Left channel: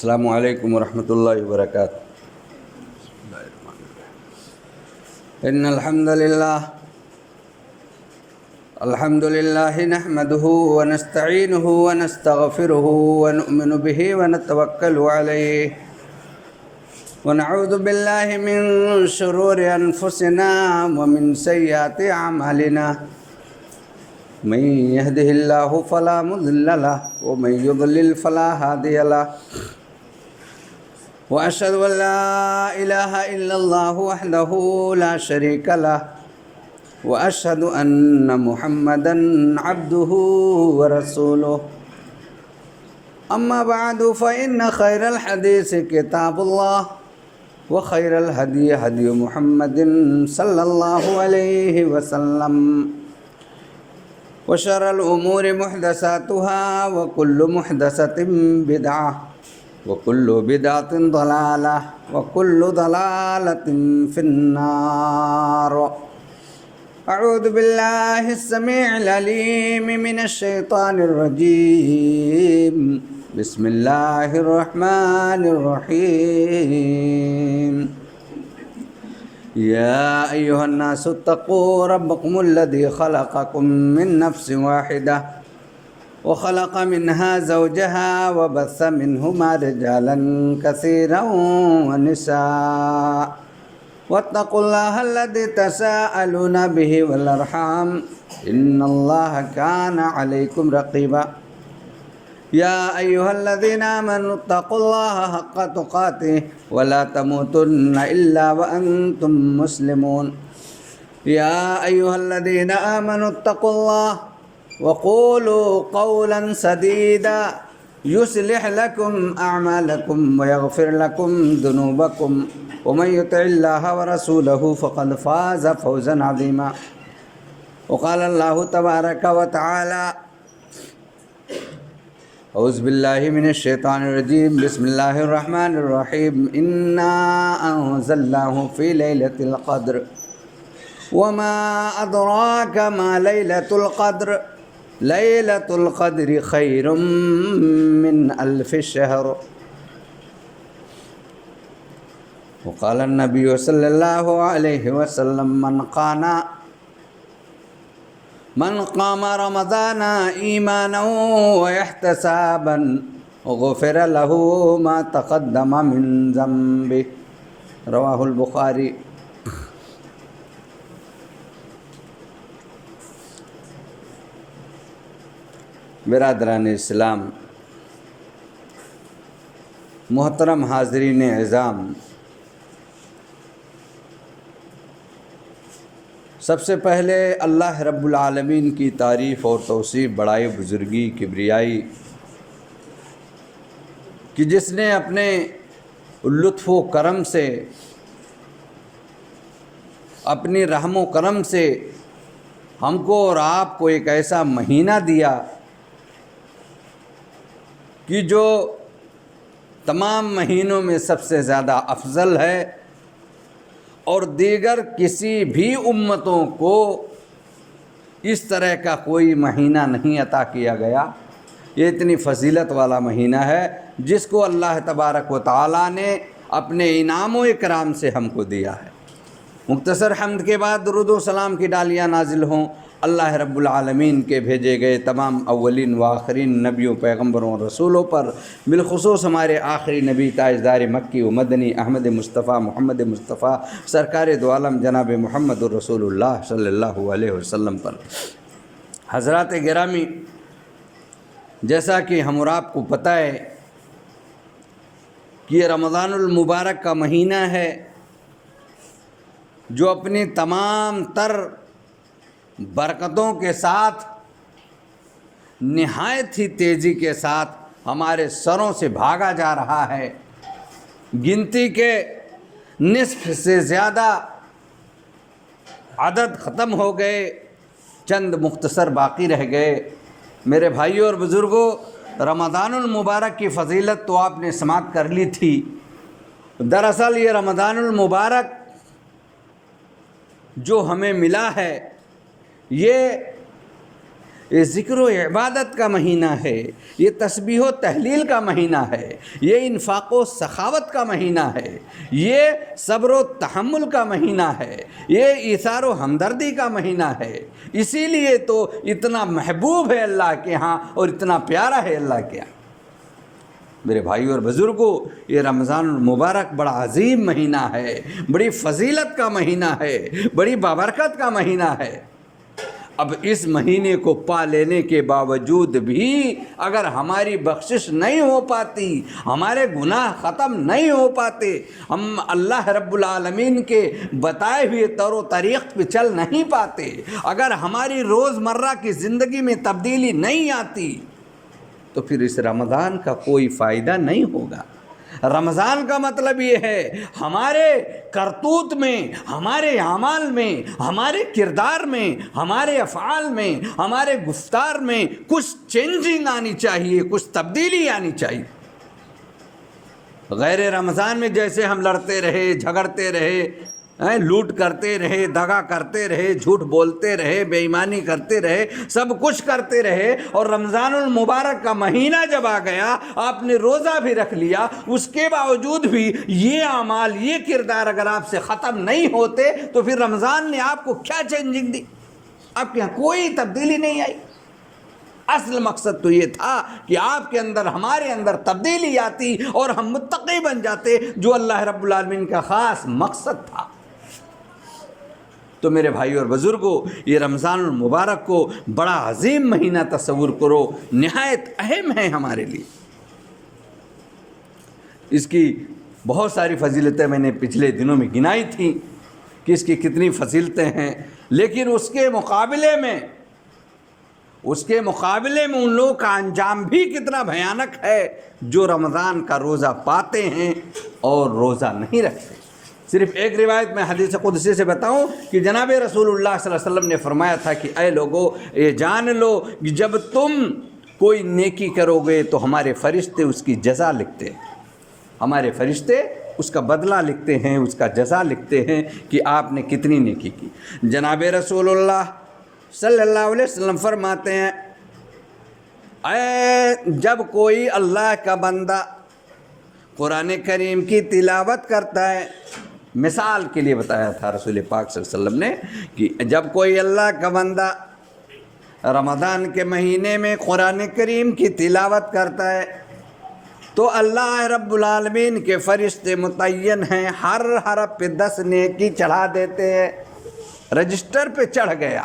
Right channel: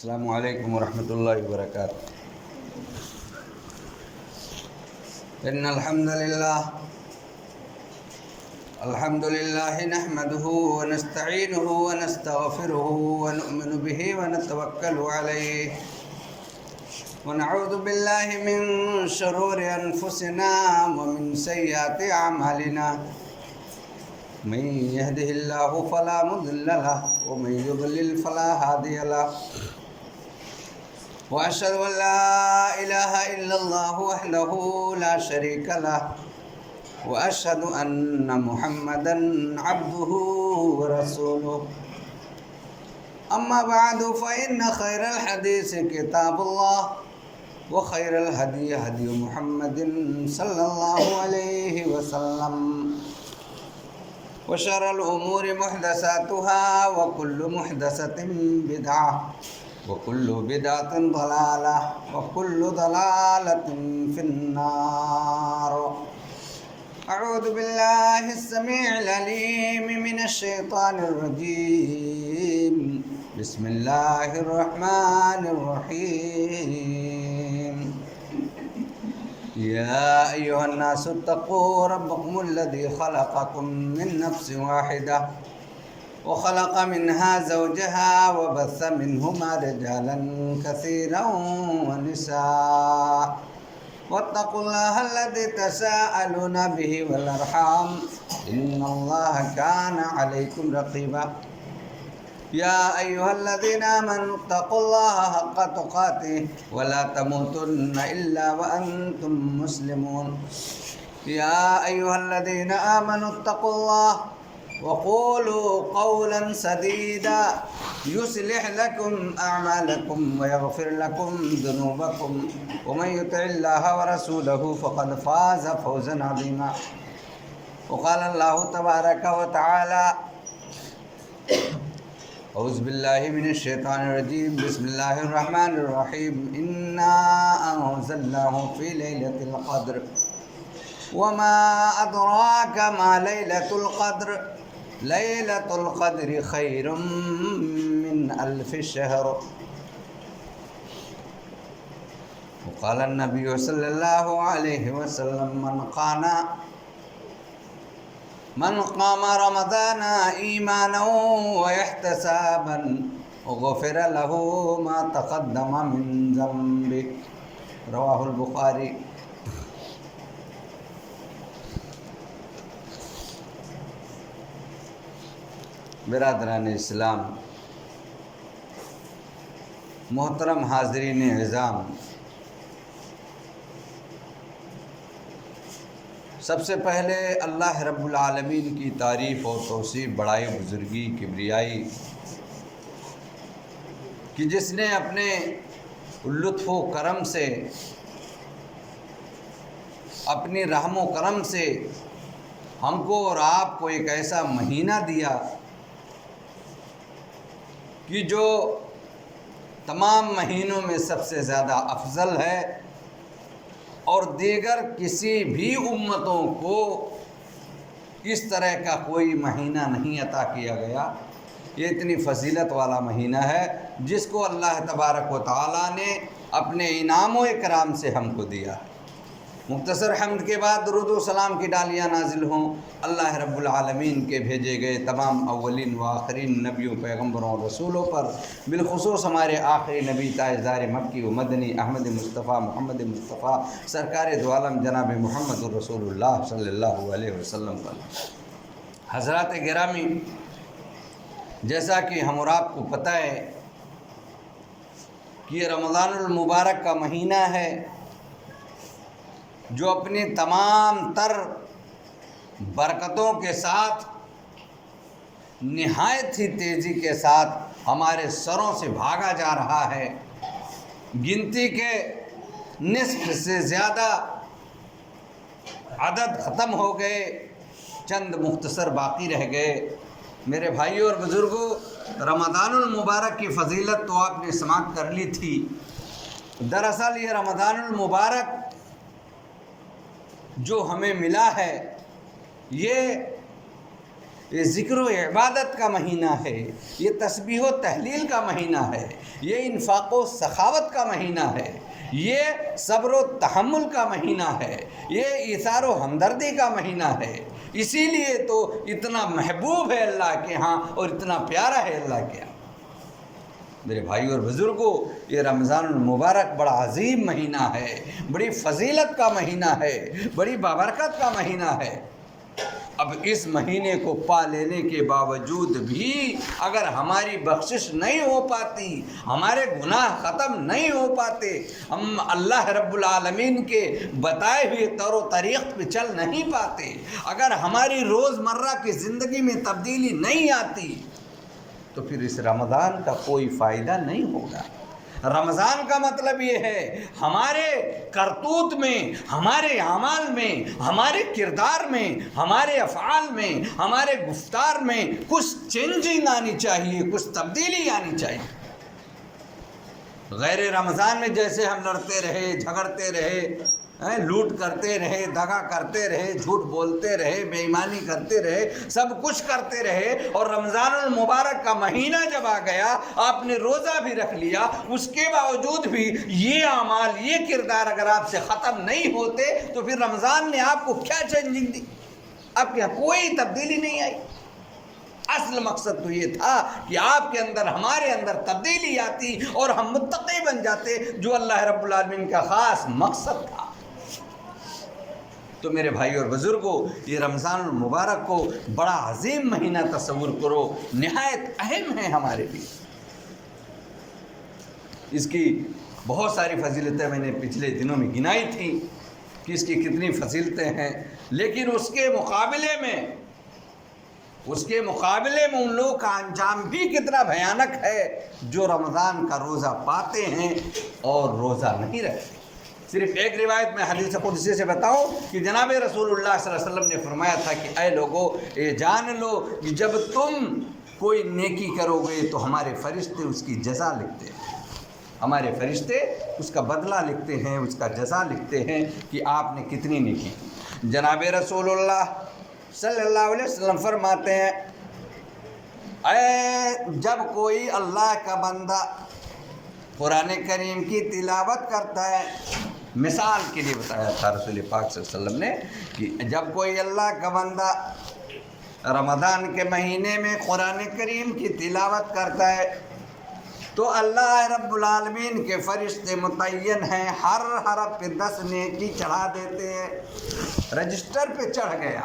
السلام علیکم ورحمۃ اللہ وبرکاتہ۔ ان الحمد للہ نحمده ونستعینه ونستغفره ونؤمن به ونتوکل علیہ ونعوذ باللہ من شرور انفسنا ومن سیئات اعمالنا من يهده الله فلا مضل له ومن يضلل فلا هادي له وأشهد أن لا إله إلا الله وحده لا شريك له وأشهد أن محمدا عبده ورسوله أما بعد فإن خير الحديث كتاب الله وخير الهدي هدي محمد صلى الله عليه وسلم وشر الأمور محدثاتها وكل محدثة بدعة وكل بدعة ضلالة وكل ضلالة في النار۔ أعوذ بالله السميع العليم من الشيطان الرجيم، بسم الله الرحمن الرحيم۔ يا أيها الناس اتقوا ربكم الذي خلقكم من نفس واحدة وخلق منها زوجها وبث منهما رجالا كثيرا ونساء واتقوا الله الذي تساءلون به والأرحام إن الله كان عليكم رقيبا۔ يا أيها الذين آمنوا اتقوا الله حق تقاته ولا تموتن إلا وأنتم مسلمون۔ يا أيها الذين آمنوا اتقوا الله وقولوا قولا سديدا يصلح لكم أعمالكم ويغفر لكم ذنوبكم ومن يطع الله ورسوله فقد فاز فوزا عظيما۔ وقال الله تبارك وتعالى اعوذ باللہ من الشیطان الرجیم، بسم اللہ الرحمن الرحیم۔ انا انزلناہ فی لیلۃ القدر وما ادراک ما لیلۃ القدر لیلۃ القدر خیر من الف شہر۔ وقال النبی صلی اللہ علیہ وسلم من قام رمضان ایمانا واحتسابا غفر له ما تقدم من ذنبه، رواہ البخاری۔ برادران اسلام، محترم حاضرین اعظام، سب سے پہلے اللہ رب العالمین کی تعریف اور توصیف، بڑائی، بزرگی، کبریائی کہ جس نے اپنے لطف و کرم سے، اپنی رحم و کرم سے ہم کو اور آپ کو ایک ایسا مہینہ دیا کہ جو تمام مہینوں میں سب سے زیادہ افضل ہے، اور دیگر کسی بھی امتوں کو اس طرح کا کوئی مہینہ نہیں عطا کیا گیا۔ یہ اتنی فضیلت والا مہینہ ہے جس کو اللہ تبارک و تعالیٰ نے اپنے انعام و اکرام سے ہم کو دیا ہے۔ مختصر حمد کے بعد درود و سلام کی ڈالیاں نازل ہوں اللہ رب العالمین کے بھیجے گئے تمام اولین و آخرین نبیوں، پیغمبروں اور رسولوں پر، بالخصوص ہمارے آخری نبی تاجدار مکی و مدنی احمد مصطفیٰ محمد مصطفیٰ سرکار دو عالم جناب محمد الرسول اللہ صلی اللہ علیہ وسلم پر۔ حضرات گرامی، جیسا کہ ہم اور آپ کو پتہ ہے کہ یہ رمضان المبارک کا مہینہ ہے جو اپنی تمام تر برکتوں کے ساتھ نہایت ہی تیزی کے ساتھ ہمارے سروں سے بھاگا جا رہا ہے۔ گنتی کے نصف سے زیادہ عدد ختم ہو گئے، چند مختصر باقی رہ گئے۔ میرے بھائیوں اور بزرگوں، رمضان المبارک کی فضیلت تو آپ نے سماعت کر لی تھی۔ دراصل یہ رمضان المبارک جو ہمیں ملا ہے، یہ یہ ذکر و عبادت کا مہینہ ہے، یہ تسبیح و تحلیل کا مہینہ ہے، یہ انفاق و سخاوت کا مہینہ ہے، یہ صبر و تحمل کا مہینہ ہے، یہ ایثار و ہمدردی کا مہینہ ہے۔ اسی لیے تو اتنا محبوب ہے اللہ کے ہاں اور اتنا پیارا ہے اللہ کے ہاں۔ میرے بھائی اور بزرگوں، یہ رمضان المبارک بڑا عظیم مہینہ ہے، بڑی فضیلت کا مہینہ ہے، بڑی بابرکت کا مہینہ ہے۔ اب اس مہینے کو پا لینے کے باوجود بھی اگر ہماری بخشش نہیں ہو پاتی، ہمارے گناہ ختم نہیں ہو پاتے، ہم اللہ رب العالمین کے بتائے ہوئے طور و طریق پہ چل نہیں پاتے، اگر ہماری روزمرہ کی زندگی میں تبدیلی نہیں آتی، تو پھر اس رمضان کا کوئی فائدہ نہیں ہوگا۔ رمضان کا مطلب یہ ہے ہمارے کرتوت میں، ہمارے اعمال میں، ہمارے کردار میں، ہمارے افعال میں، ہمارے گفتار میں کچھ چینجنگ آنی چاہیے، کچھ تبدیلی آنی چاہیے۔ غیر رمضان میں جیسے ہم لڑتے رہے، جھگڑتے رہے، لوٹ کرتے رہے، دغا کرتے رہے، جھوٹ بولتے رہے، بے ایمانی کرتے رہے، سب کچھ کرتے رہے، اور رمضان المبارک کا مہینہ جب آ گیا، آپ نے روزہ بھی رکھ لیا، اس کے باوجود بھی یہ اعمال، یہ کردار اگر آپ سے ختم نہیں ہوتے تو پھر رمضان نے آپ کو کیا چینجنگ دی؟ آپ کے یہاں کوئی تبدیلی نہیں آئی۔ اصل مقصد تو یہ تھا کہ آپ کے اندر، ہمارے اندر تبدیلی آتی اور ہم متقی بن جاتے، جو اللہ رب العالمین کا خاص مقصد تھا۔ تو میرے بھائی اور بزرگوں، یہ رمضان المبارک کو بڑا عظیم مہینہ تصور کرو، نہایت اہم ہے ہمارے لیے۔ اس کی بہت ساری فضیلتیں میں نے پچھلے دنوں میں گنائی تھیں کہ اس کی کتنی فضیلتیں ہیں، لیکن اس کے مقابلے میں ان لوگوں کا انجام بھی کتنا بھیانک ہے جو رمضان کا روزہ پاتے ہیں اور روزہ نہیں رکھتے۔ صرف ایک روایت میں حدیث قدسی سے بتاؤں کہ جناب رسول اللہ صلی اللہ علیہ وسلم نے فرمایا تھا کہ اے لوگو، یہ جان لو کہ جب تم کوئی نیکی کرو گے تو ہمارے فرشتے اس کی جزا لکھتے ہیں، ہمارے فرشتے اس کا بدلہ لکھتے ہیں، اس کا جزا لکھتے ہیں کہ آپ نے کتنی نیکی کی۔ جناب رسول اللہ صلی اللہ علیہ وسلم فرماتے ہیں، جب کوئی اللہ کا بندہ قرآن کریم کی تلاوت کرتا ہے، مثال کے لیے بتایا تھا رسول پاک صلی اللہ علیہ وسلم نے کہ جب کوئی اللہ کا بندہ رمضان کے مہینے میں قرآن کریم کی تلاوت کرتا ہے تو اللہ رب العالمین کے فرشتے متعین ہیں، ہر حرف پہ 10 نیکی چڑھا دیتے ہیں۔ رجسٹر پہ چڑھ گیا،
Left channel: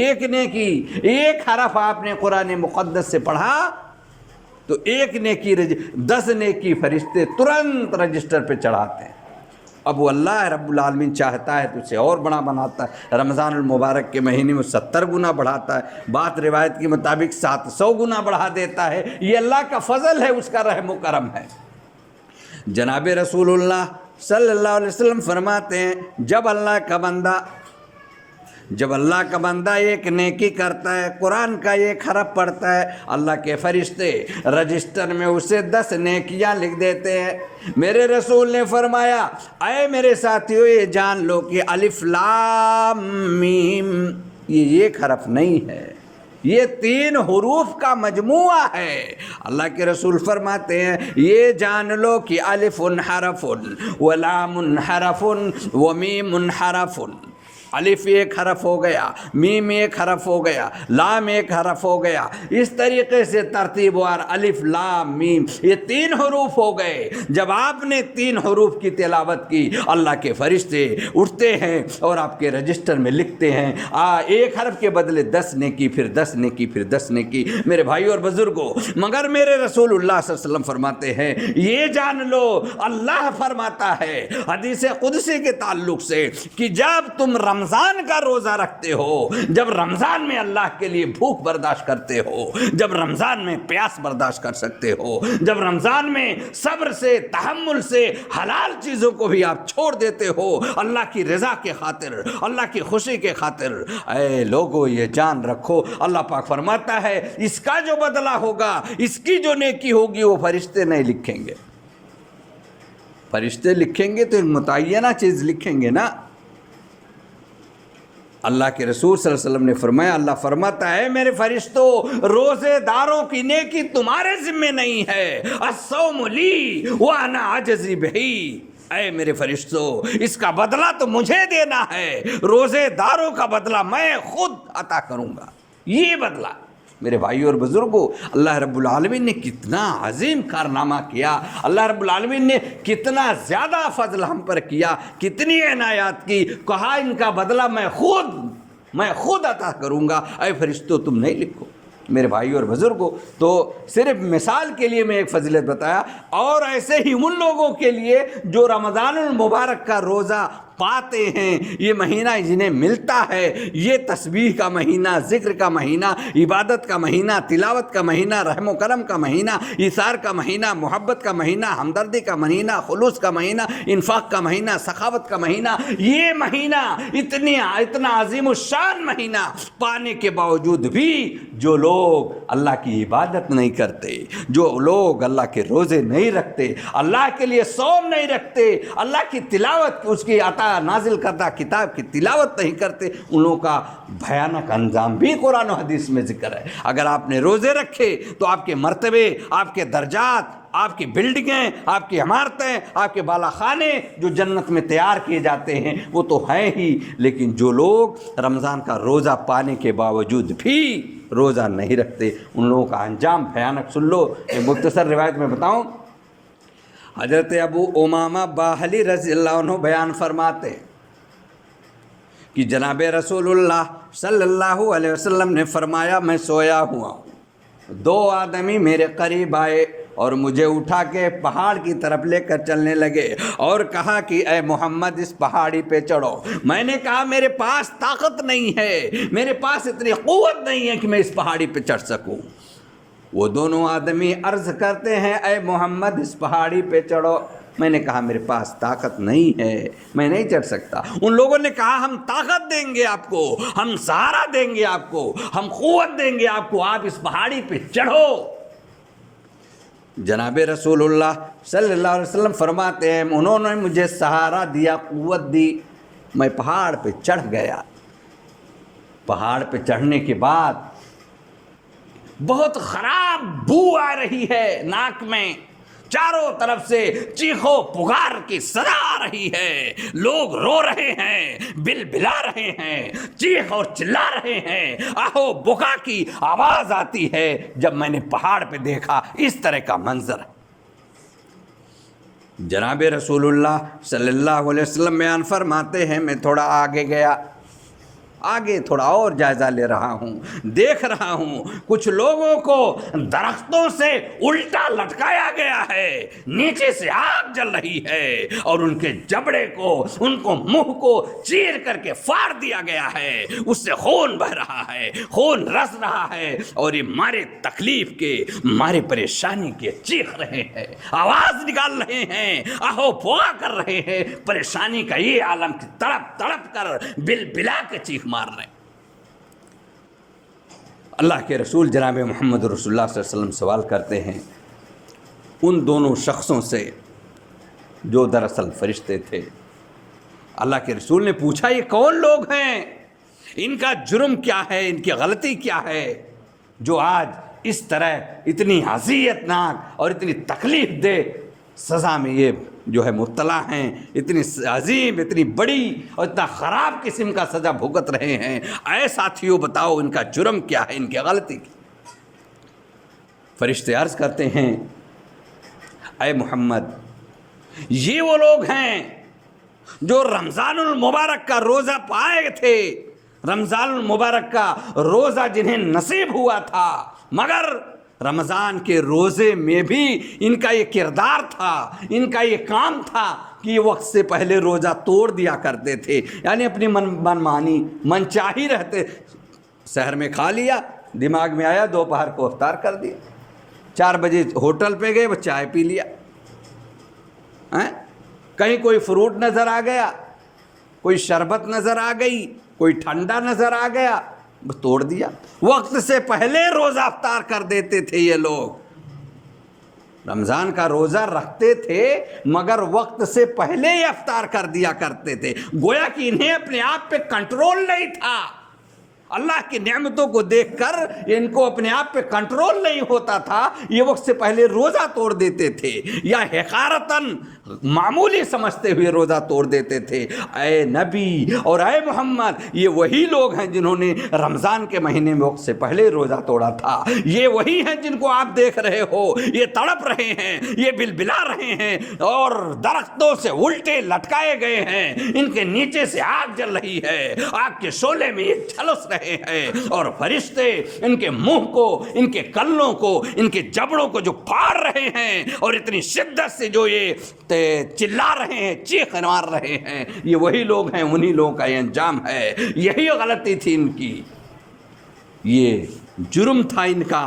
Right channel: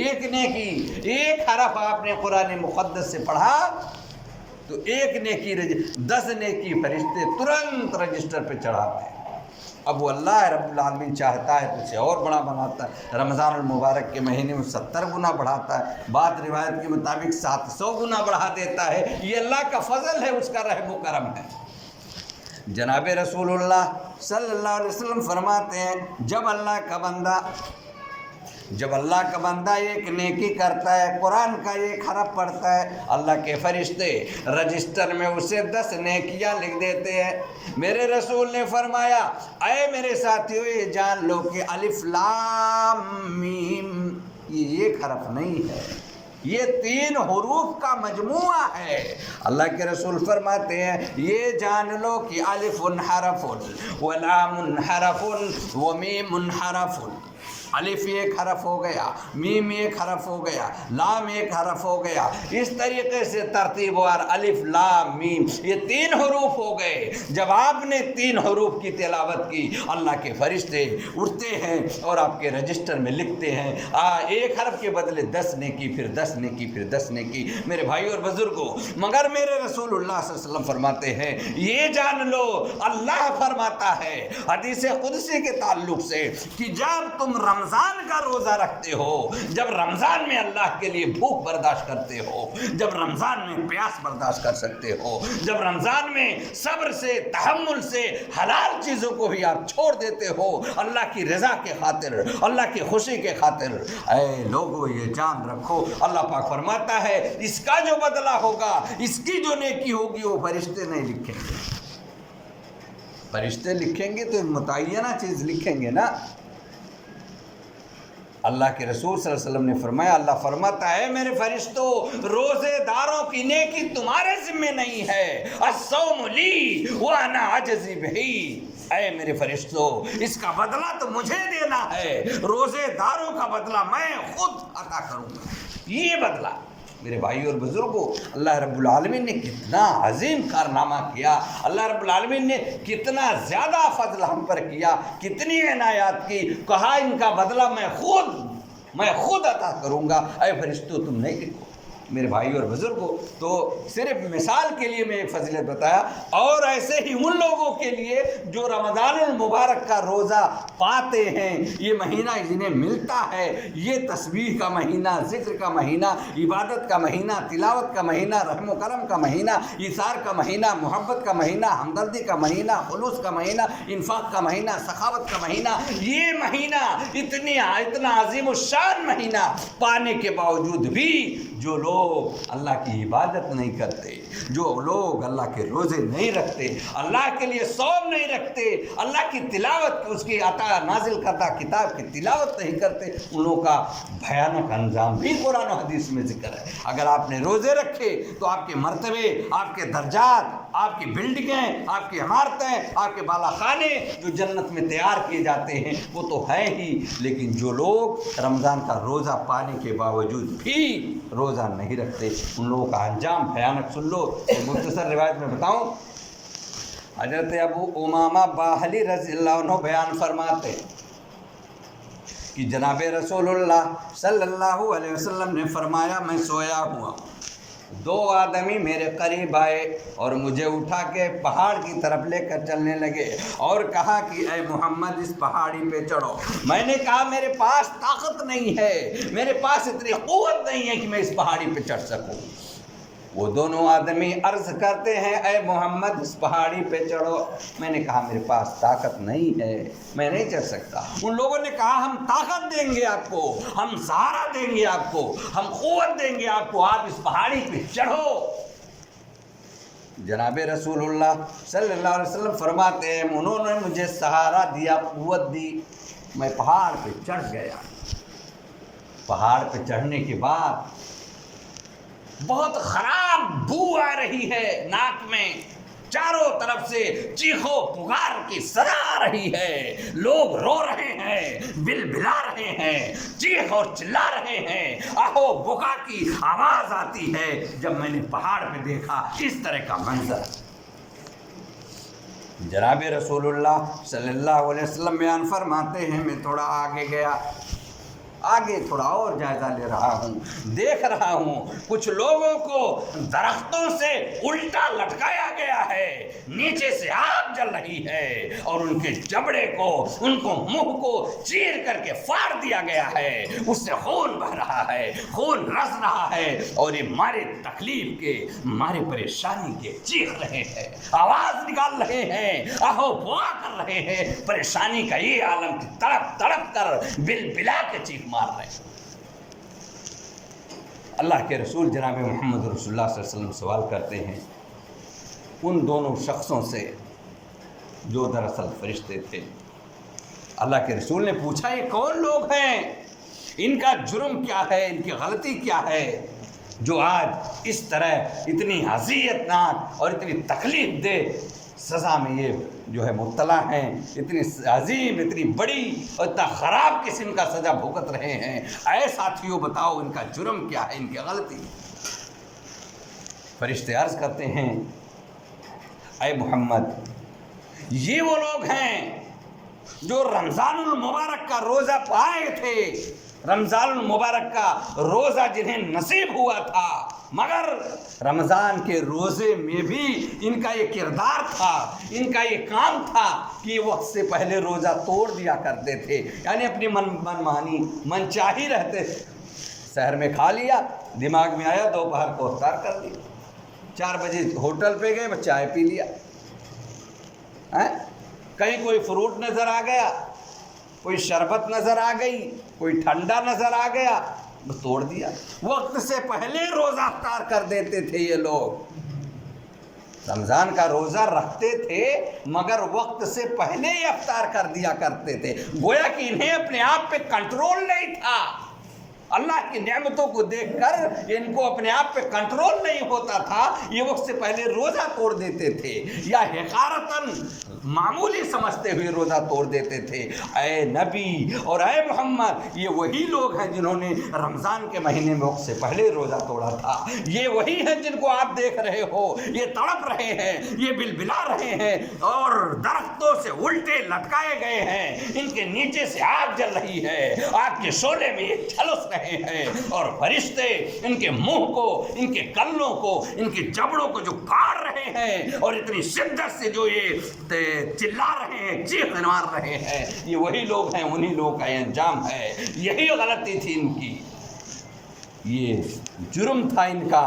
ایک نیکی، ایک حرف آپ نے قرآن مقدس سے پڑھا تو ایک نیکی 10 نیکی فرشتے ترنت رجسٹر پہ چڑھاتے ہیں۔ اب وہ اللہ رب العالمین چاہتا ہے تو اسے اور بڑا بناتا ہے، رمضان المبارک کے مہینے میں 70 گنا بڑھاتا ہے، بات روایت کے مطابق 700 گنا بڑھا دیتا ہے۔ یہ اللہ کا فضل ہے، اس کا رحم و کرم ہے۔ جناب رسول اللہ صلی اللہ علیہ وسلم فرماتے ہیں، جب اللہ کا بندہ ایک نیکی کرتا ہے، قرآن کا ایک حرف پڑھتا ہے، اللہ کے فرشتے رجسٹر میں اسے 10 نیکیاں لکھ دیتے ہیں۔ میرے رسول نے فرمایا، اے میرے ساتھیو، یہ جان لو کہ الف لام میم یہ ایک حرف نہیں ہے، یہ 3 حروف کا مجموعہ ہے۔ اللہ کے رسول فرماتے ہیں، یہ جان لو کہ الف حرف ولام حرف ومیم حرف۔ الف ایک حرف ہو گیا، میم ایک حرف ہو گیا، لام ایک حرف ہو گیا، اس طریقے سے ترتیب وار الف لام میم یہ 3 حروف ہو گئے۔ جب آپ نے 3 حروف کی تلاوت کی، اللہ کے فرشتے اٹھتے ہیں اور آپ کے رجسٹر میں لکھتے ہیں، ایک حرف کے بدلے 10 نیکی، پھر 10 نیکی، پھر 10 نیکی۔ میرے بھائی اور بزرگوں، مگر میرے رسول اللہ صلی اللہ علیہ وسلم فرماتے ہیں، یہ جان لو، اللہ فرماتا ہے حدیث قدسی کے تعلق سے کہ جب تم رمضان کا روزہ رکھتے ہو، جب رمضان میں اللہ کے لیے بھوک برداشت کرتے ہو، جب رمضان میں پیاس برداشت کر سکتے ہو، جب رمضان میں صبر سے، تحمل سے حلال چیزوں کو بھی آپ چھوڑ دیتے ہو اللہ کی رضا کے خاطر، اللہ کی خوشی کے خاطر، اے لوگو یہ جان رکھو، اللہ پاک فرماتا ہے اس کا جو بدلہ ہوگا، اس کی جو نیکی ہوگی، وہ فرشتے نہیں لکھیں گے۔ فرشتے لکھیں گے تو ایک متعینہ چیز لکھیں گے نا۔ اللہ کے رسول صلی اللہ علیہ وسلم نے فرمایا، اللہ فرماتا ہے میرے فرشتوں روزے داروں کی نیکی تمہارے ذمہ نہیں ہے، الصوم لی وانا اجزی بہی، اے میرے فرشتوں اس کا بدلہ تو مجھے دینا ہے، روزے داروں کا بدلہ میں خود عطا کروں گا۔ یہ بدلہ میرے بھائی اور بزرگوں، اللہ رب العالمین نے کتنا عظیم کارنامہ کیا، اللہ رب العالمین نے کتنا زیادہ فضل ہم پر کیا، کتنی عنایات کی، کہا ان کا بدلہ میں خود عطا کروں گا۔ اے فرشتوں تم نہیں لکھو۔ میرے بھائی اور بزرگوں، تو صرف مثال کے لیے میں ایک فضیلت بتایا، اور ایسے ہی ان لوگوں کے لیے جو رمضان المبارک کا روزہ پاتے ہیں، یہ مہینہ جنہیں ملتا ہے، یہ تسبیح کا مہینہ، ذکر کا مہینہ، عبادت کا مہینہ، تلاوت کا مہینہ، رحم و کرم کا مہینہ، ایثار کا مہینہ، محبت کا مہینہ، ہمدردی کا مہینہ، خلوص کا مہینہ، انفاق کا مہینہ، سخاوت کا مہینہ، یہ مہینہ اتنا عظیم الشان مہینہ پانے کے باوجود بھی جو لوگ اللہ کی عبادت نہیں کرتے، جو لوگ اللہ کے روزے نہیں رکھتے، اللہ کے لیے صوم نہیں رکھتے، اللہ کی تلاوت، اس کی عطا نازل کردہ کتاب کی تلاوت نہیں کرتے، ان لوگوں کا بھیانک انجام بھی قرآن و حدیث میں ذکر ہے۔ اگر آپ نے روزے رکھے تو آپ کے مرتبے، آپ کے درجات، آپ کی بلڈنگیں، آپ کی عمارتیں، آپ کے بالا خانے جو جنت میں تیار کیے جاتے ہیں وہ تو ہیں ہی، لیکن جو لوگ رمضان کا روزہ پانے کے باوجود بھی روزہ نہیں رکھتے، ان لوگوں کا انجام بھیانک۔ سن لو، ایک مختصر روایت میں بتاؤں، حضرت ابو امامہ باہلی رضی اللہ عنہ بیان فرماتے کہ جناب رسول اللہ صلی اللہ علیہ وسلم نے فرمایا، میں سویا ہوا، دو آدمی میرے قریب آئے اور مجھے اٹھا کے پہاڑ کی طرف لے کر چلنے لگے اور کہا کہ اے محمد اس پہاڑی پہ چڑھو۔ میں نے کہا میرے پاس طاقت نہیں ہے، میرے پاس اتنی قوت نہیں ہے کہ میں اس پہاڑی پہ چڑھ سکوں۔ وہ دونوں آدمی عرض کرتے ہیں اے محمد اس پہاڑی پہ چڑھو۔ میں نے کہا میرے پاس طاقت نہیں ہے، میں نہیں چڑھ سکتا۔ ان لوگوں نے کہا ہم طاقت دیں گے آپ کو، ہم سہارا دیں گے آپ کو، ہم قوت دیں گے آپ کو، آپ اس پہاڑی پہ چڑھو۔ جناب رسول اللہ صلی اللہ علیہ وسلم فرماتے ہیں انہوں نے مجھے سہارا دیا، قوت دی، میں پہاڑ پہ چڑھ گیا۔ پہاڑ پہ چڑھنے کے بعد بہت خراب بو آ رہی ہے ناک میں، چاروں طرف سے چیخو پکار کی صدا آ رہی ہے، لوگ رو رہے ہیں، بل بلا رہے ہیں، چیخ اور چلا رہے ہیں، آہو بکا کی آواز آتی ہے۔ جب میں نے پہاڑ پہ دیکھا اس طرح کا منظر، جناب رسول اللہ صلی اللہ علیہ وسلم بیان فرماتے ہیں میں تھوڑا آگے گیا، آگے تھوڑا اور جائزہ لے رہا ہوں، دیکھ رہا ہوں کچھ لوگوں کو درختوں سے الٹا لٹکایا گیا ہے، نیچے سے آگ جل رہی ہے اور ان کے جبڑے کو، ان کو منہ کو چیر کر کے پھاڑ دیا گیا ہے، اس سے خون بہ رہا ہے، خون رس رہا ہے، اور یہ مارے تکلیف کے، مارے پریشانی کے چیخ رہے ہیں، آواز نکال رہے ہیں، آہو بوا کر رہے ہیں، پریشانی کا یہ عالم کی تڑپ تڑپ کر بل بلا کے چیخ مار رہے ہیں۔ اللہ کے رسول جناب محمد رسول اللہ صلی اللہ علیہ وسلم سوال کرتے ہیں ان دونوں شخصوں سے جو دراصل فرشتے تھے۔ اللہ کے رسول نے پوچھا یہ کون لوگ ہیں، ان کا جرم کیا ہے، ان کی غلطی کیا ہے جو آج اس طرح اتنی اذیت ناک اور اتنی تکلیف دہ سزا میں یہ جو ہے مبتلا ہیں، اتنی عظیم، اتنی بڑی اور اتنا خراب قسم کا سزا بھگت رہے ہیں۔ اے ساتھیوں بتاؤ ان کا جرم کیا ہے، ان کی غلطی۔ فرشتے عرض کرتے ہیں اے محمد یہ وہ لوگ ہیں جو رمضان المبارک کا روزہ پائے تھے، رمضان المبارک کا روزہ جنہیں نصیب ہوا تھا، مگر رمضان کے روزے میں بھی ان کا یہ کردار تھا، ان کا یہ کام تھا کہ وقت سے پہلے روزہ توڑ دیا کرتے تھے، یعنی اپنی من مانی من چاہی رہتے، سحر میں کھا لیا، دماغ میں آیا دوپہر کو افطار کر دیا، 4 بجے ہوٹل پہ گئے وہ چائے پی لیا، کہیں کوئی فروٹ نظر آ گیا، کوئی شربت نظر آ گئی، کوئی ٹھنڈا نظر آ گیا، توڑ دیا۔ وقت سے پہلے روزہ افطار کر دیتے تھے یہ لوگ۔ رمضان کا روزہ رکھتے تھے مگر وقت سے پہلے ہی افطار کر دیا کرتے تھے، گویا کہ انہیں اپنے آپ پہ کنٹرول نہیں تھا۔ اللہ کی نعمتوں کو دیکھ کر ان کو اپنے آپ پہ کنٹرول نہیں ہوتا تھا، یہ وقت سے پہلے روزہ توڑ دیتے تھے یا حقارتاً معمولی سمجھتے ہوئے روزہ توڑ دیتے تھے۔ اے نبی اور اے محمد، یہ وہی لوگ ہیں جنہوں نے رمضان کے مہینے میں وقت سے پہلے روزہ توڑا تھا، یہ وہی ہیں جن کو آپ دیکھ رہے ہو، یہ تڑپ رہے ہیں، یہ بلبلا رہے ہیں اور درختوں سے الٹے لٹکائے گئے ہیں، ان کے نیچے سے آگ جل رہی ہے، آگ کے شعلے میں یہ جھلس رہے ہیں، اور فرشتے ان کے منہ کو، ان کے کلوں کو، ان کے جبڑوں کو جو پھاڑ رہے ہیں اور اتنی شدت سے جو یہ چلا رہے ہیں، چیخ مار رہے ہیں، یہ وہی لوگ ہیں، انہی لوگوں کا یہ انجام ہے۔ یہی غلطی تھی ان کی، یہ جرم تھا ان کا،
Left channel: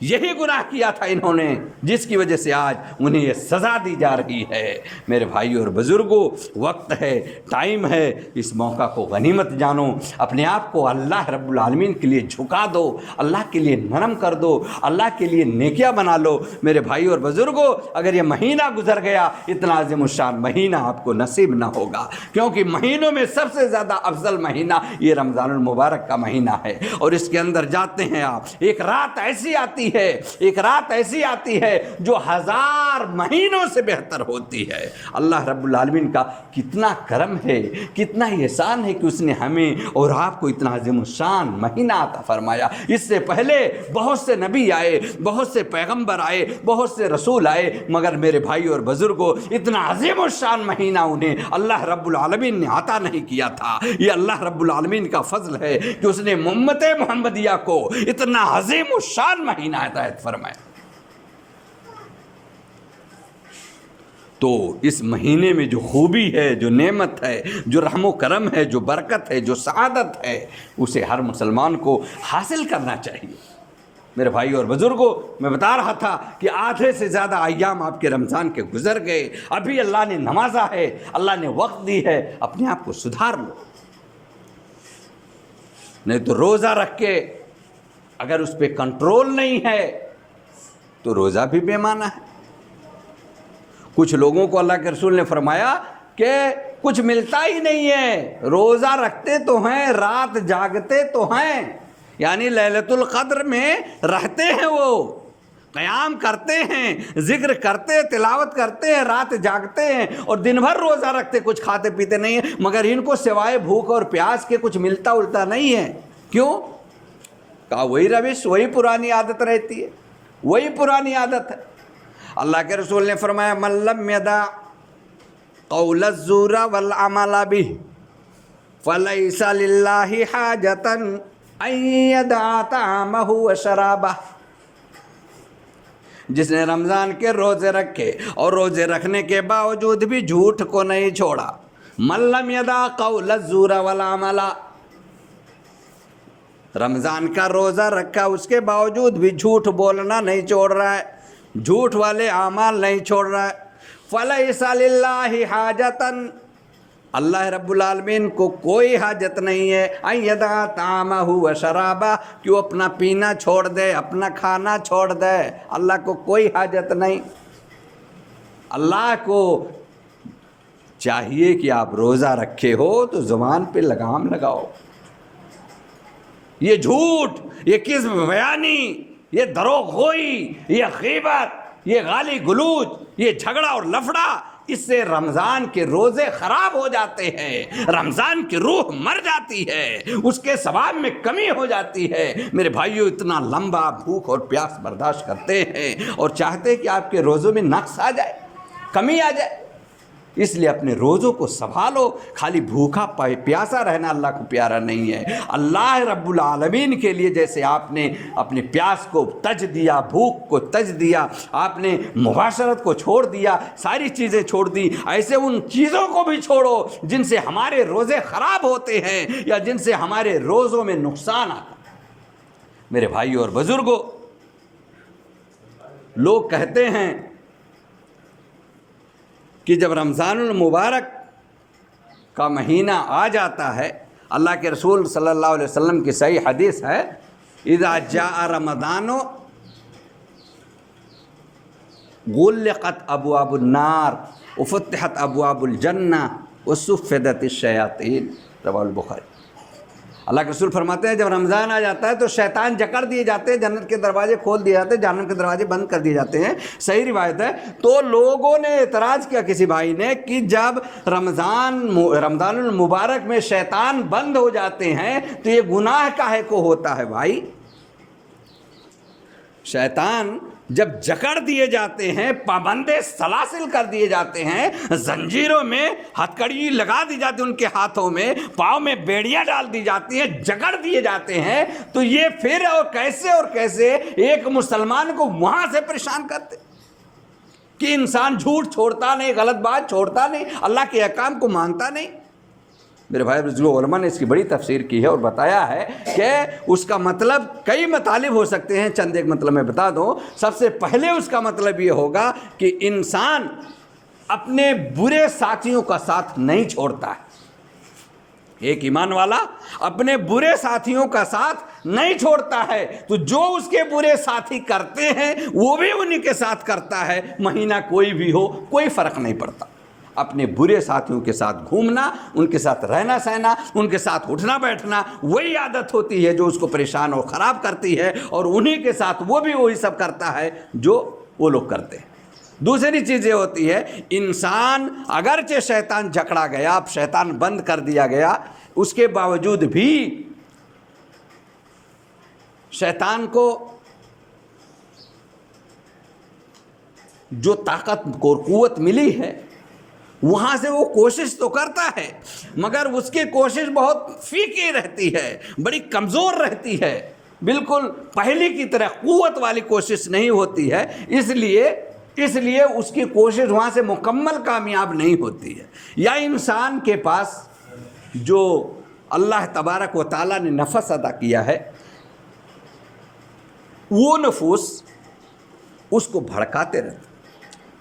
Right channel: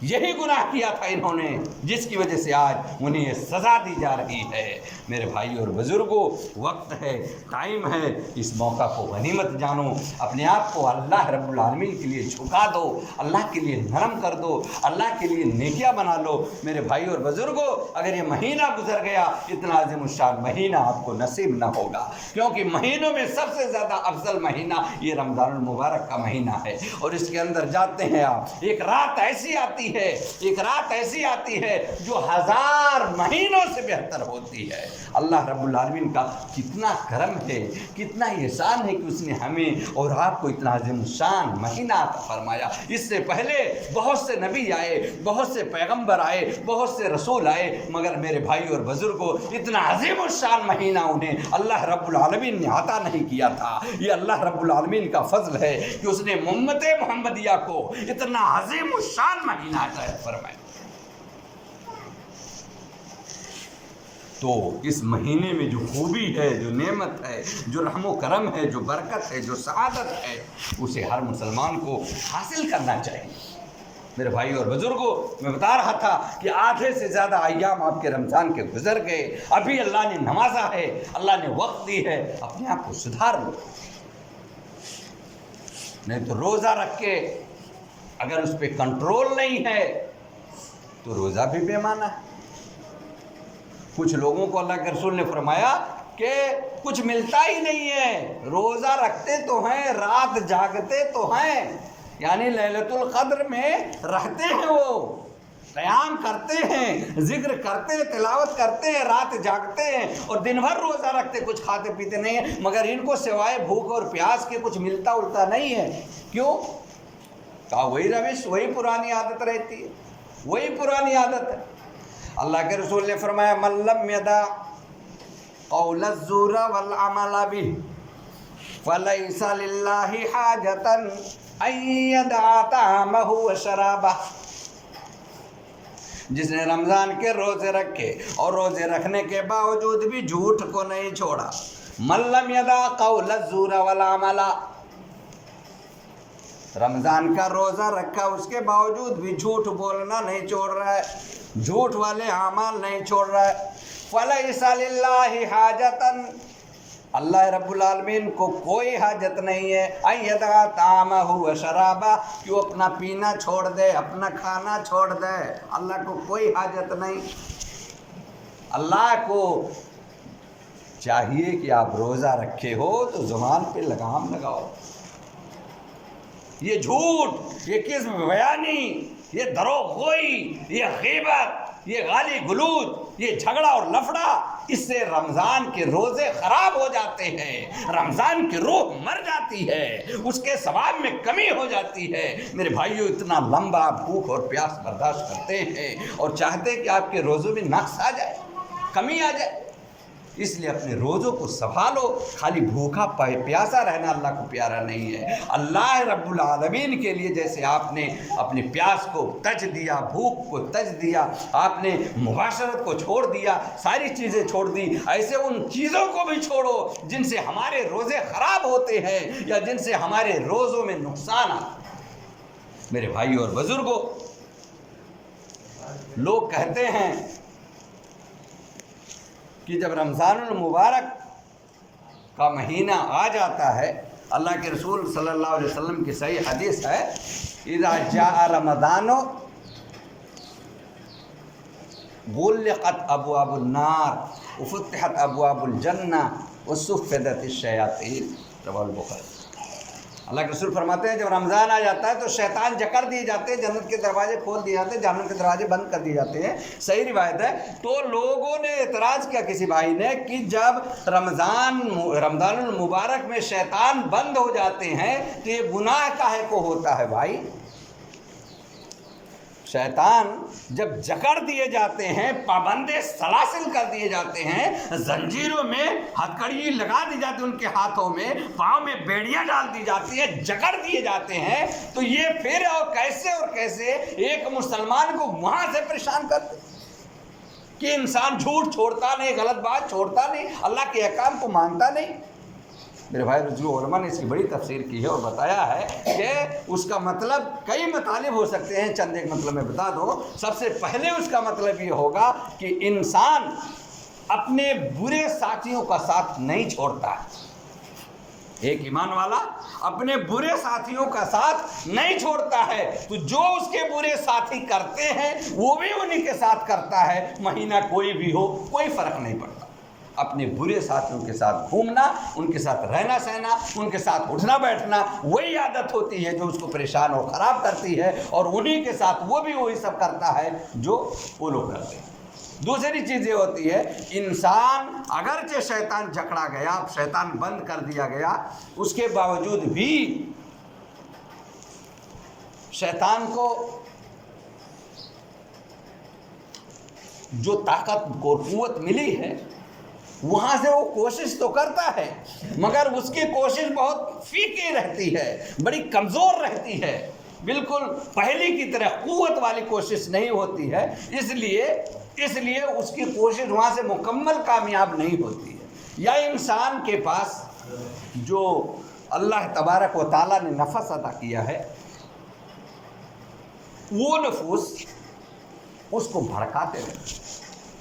یہی گناہ کیا تھا انہوں نے، جس کی وجہ سے آج انہیں یہ سزا دی جا رہی ہے۔ میرے بھائیو اور بزرگوں، وقت ہے، ٹائم ہے، اس موقع کو غنیمت جانو، اپنے آپ کو اللہ رب العالمین کے لیے جھکا دو، اللہ کے لیے نرم کر دو، اللہ کے لیے نیکیاں بنا لو۔ میرے بھائیو اور بزرگوں، اگر یہ مہینہ گزر گیا، اتنا عظیم الشان مہینہ آپ کو نصیب نہ ہوگا، کیونکہ مہینوں میں سب سے زیادہ افضل مہینہ یہ رمضان المبارک کا مہینہ ہے، اور اس کے اندر جاتے ہیں آپ، ایک رات ایسی آتی ہے، ایک رات ایسی آتی ہے جو 1000 مہینوں سے بہتر ہوتی ہے۔ اللہ رب العالمین کا کتنا کرم ہے، کتنا احسان ہے کہ اس نے ہمیں اور آپ کو اتنا عظیم الشان مہینہ عطا فرمایا۔ اس سے پہلے بہت سے نبی آئے، بہت سے پیغمبر آئے، بہت سے رسول آئے، مگر میرے بھائی اور بزرگوں، اتنا عظیم الشان مہینہ انہیں اللہ رب العالمین نے عطا نہیں کیا تھا۔ یہ اللہ رب العالمین کا فضل ہے کہ اس نے امت محمدیہ کو اتنا عظیم الشان مہینہ عطا فرمایا۔ تو اس مہینے میں جو خوبی ہے، جو نعمت ہے، جو رحم و کرم ہے، جو برکت ہے، جو سعادت ہے، اسے ہر مسلمان کو حاصل کرنا چاہیے۔ میرے بھائی اور بزرگوں، میں بتا رہا تھا کہ آدھے سے زیادہ ایام آپ کے رمضان کے گزر گئے، ابھی اللہ نے نوازا ہے، اللہ نے وقت دی ہے، اپنے آپ کو سدھار لو، نہیں تو روزہ رکھ کے اگر اس پہ کنٹرول نہیں ہے تو روزہ بھی بے معنی ہے۔ کچھ لوگوں کو اللہ کے رسول نے فرمایا کہ کچھ ملتا ہی نہیں ہے، روزہ رکھتے تو ہیں، رات جاگتے تو ہیں، یعنی لیلۃ القدر میں رہتے ہیں، وہ قیام کرتے ہیں، ذکر کرتے، تلاوت کرتے ہیں، رات جاگتے ہیں اور دن بھر روزہ رکھتے، کچھ کھاتے پیتے نہیں ہیں، مگر ان کو سوائے بھوک اور پیاس کے کچھ ملتا الٹا نہیں ہے۔ کیوں؟ کہا وہی روش، وہی پرانی عادت رہتی ہے، وہی پرانی عادت ہے۔ اللہ کے رسول نے فرمایا من لم یدع قول الزور والعمل به فلیس للہ حاجۃ ان یدع طعامہ وشرابہ، جس نے رمضان کے روزے رکھے اور روزے رکھنے کے باوجود بھی جھوٹ کو نہیں چھوڑا، من لم یدع قول الزور والعمل، رمضان کا روزہ رکھا اس کے باوجود بھی جھوٹ بولنا نہیں چھوڑ رہا ہے، جھوٹ والے اعمال نہیں چھوڑ رہا ہے، فلیس للہ حاجۃ، اللہ رب العالمین کو کوئی حاجت نہیں ہے ان یدع طعامہ وشرابہ، کہ وہ اپنا پینا چھوڑ دے، اپنا کھانا چھوڑ دے، اللہ کو کوئی حاجت نہیں۔ اللہ کو چاہیے کہ آپ روزہ رکھے ہو تو زبان پہ لگام لگاؤ، یہ جھوٹ، یہ کذب بیانی، یہ دروغ گوئی، یہ غیبت، یہ گالی گلوچ، یہ جھگڑا اور لفڑا، اس سے رمضان کے روزے خراب ہو جاتے ہیں، رمضان کی روح مر جاتی ہے، اس کے ثواب میں کمی ہو جاتی ہے۔ میرے بھائیو، اتنا لمبا بھوک اور پیاس برداشت کرتے ہیں اور چاہتے کہ آپ کے روزوں میں نقص آ جائے، کمی آ جائے، اس لیے اپنے روزوں کو سنبھالو۔ خالی بھوکا پیاسا رہنا اللہ کو پیارا نہیں ہے۔ اللہ رب العالمین کے لیے جیسے آپ نے اپنے پیاس کو تج دیا، بھوک کو تج دیا، آپ نے مباشرت کو چھوڑ دیا، ساری چیزیں چھوڑ دی، ایسے ان چیزوں کو بھی چھوڑو جن سے ہمارے روزے خراب ہوتے ہیں یا جن سے ہمارے روزوں میں نقصان آتا ہے۔ میرے بھائیو اور بزرگوں، لوگ کہتے ہیں کہ جب رمضان المبارک کا مہینہ آ جاتا ہے، اللہ کے رسول صلی اللہ علیہ وسلم کی صحیح حدیث ہے، اذا جاء رمضان غلقت ابواب النار وفتحت ابواب الجنہ وصفدت الشیاطین، رواه البخاری۔ اللہ کے رسول فرماتے ہیں جب رمضان آ جاتا ہے تو شیطان جکڑ دیے جاتے ہیں، جنت کے دروازے کھول دیے جاتے ہیں، جہنم کے دروازے بند کر دیے جاتے ہیں۔ صحیح روایت ہے۔ تو لوگوں نے اعتراض کیا کسی بھائی نے کہ جب رمضان المبارک میں شیطان بند ہو جاتے ہیں تو یہ گناہ کاہے کو ہوتا ہے بھائی؟ شیطان جب جکڑ دیے جاتے ہیں، پابندے سلاسل کر دیے جاتے ہیں، زنجیروں میں ہتھکڑی لگا دی جاتی ہے، ان کے ہاتھوں میں پاؤں میں بیڑیاں ڈال دی جاتی ہیں، جکڑ دیے جاتے ہیں، تو یہ پھر اور کیسے ایک مسلمان کو وہاں سے پریشان کرتے کہ انسان جھوٹ چھوڑتا نہیں، غلط بات چھوڑتا نہیں، اللہ کے احکام کو مانتا نہیں۔ میرے بھائی بزرگوں، علماء نے اس کی بڑی تفسیر کی ہے اور بتایا ہے کہ اس کا مطلب کئی مطالب ہو سکتے ہیں، چند ایک مطلب میں بتا دوں۔ سب سے پہلے اس کا مطلب یہ ہوگا کہ انسان اپنے برے ساتھیوں کا ساتھ نہیں چھوڑتا ہے۔ ایک ایمان والا اپنے برے ساتھیوں کا ساتھ نہیں چھوڑتا ہے، تو جو اس کے برے ساتھی کرتے ہیں وہ بھی انہی کے ساتھ کرتا ہے، مہینہ کوئی بھی ہو کوئی فرق نہیں پڑتا۔ اپنے برے ساتھیوں کے ساتھ گھومنا، ان کے ساتھ رہنا سہنا، ان کے ساتھ اٹھنا بیٹھنا، وہی عادت ہوتی ہے جو اس کو پریشان اور خراب کرتی ہے، اور انہی کے ساتھ وہ بھی وہی سب کرتا ہے جو وہ لوگ کرتے ہیں۔ دوسری چیز یہ ہوتی ہے، انسان اگرچہ شیطان جکڑا گیا، شیطان بند کر دیا گیا، اس کے باوجود بھی شیطان کو جو طاقت اور قوت ملی ہے وہاں سے وہ کوشش تو کرتا ہے، مگر اس کی کوشش بہت فیکی رہتی ہے، بڑی کمزور رہتی ہے، بالکل پہلے کی طرح قوت والی کوشش نہیں ہوتی ہے، اس لیے اس کی کوشش وہاں سے مکمل کامیاب نہیں ہوتی ہے۔ یا انسان کے پاس جو اللہ تبارک و تعالیٰ نے نفس عطا کیا ہے، وہ نفوس اس کو بھڑکاتے رہتے،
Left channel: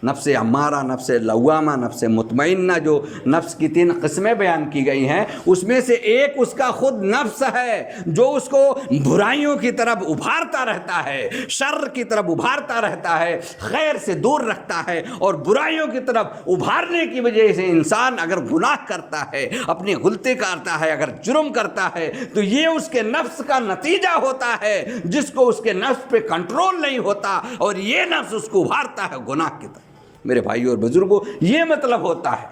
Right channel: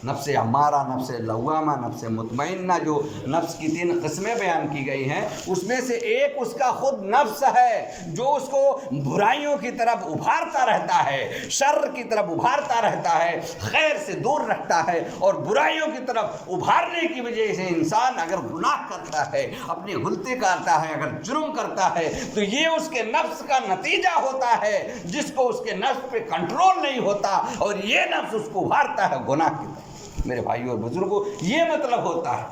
نفس امارہ، نفس لوامہ، نفس مطمئنہ، جو نفس کی 3 قسمیں بیان کی گئی ہیں، اس میں سے ایک اس کا خود نفس ہے جو اس کو برائیوں کی طرف ابھارتا رہتا ہے، شر کی طرف ابھارتا رہتا ہے، خیر سے دور رکھتا ہے، اور برائیوں کی طرف ابھارنے کی وجہ سے انسان اگر گناہ کرتا ہے، اپنی غلطی کرتا ہے، اگر جرم کرتا ہے، تو یہ اس کے نفس کا نتیجہ ہوتا ہے، جس کو اس کے نفس پہ کنٹرول نہیں ہوتا، اور یہ نفس اس کو ابھارتا ہے گناہ کی طرف۔ میرے بھائیو اور بزرگوں، یہ مطلب ہوتا ہے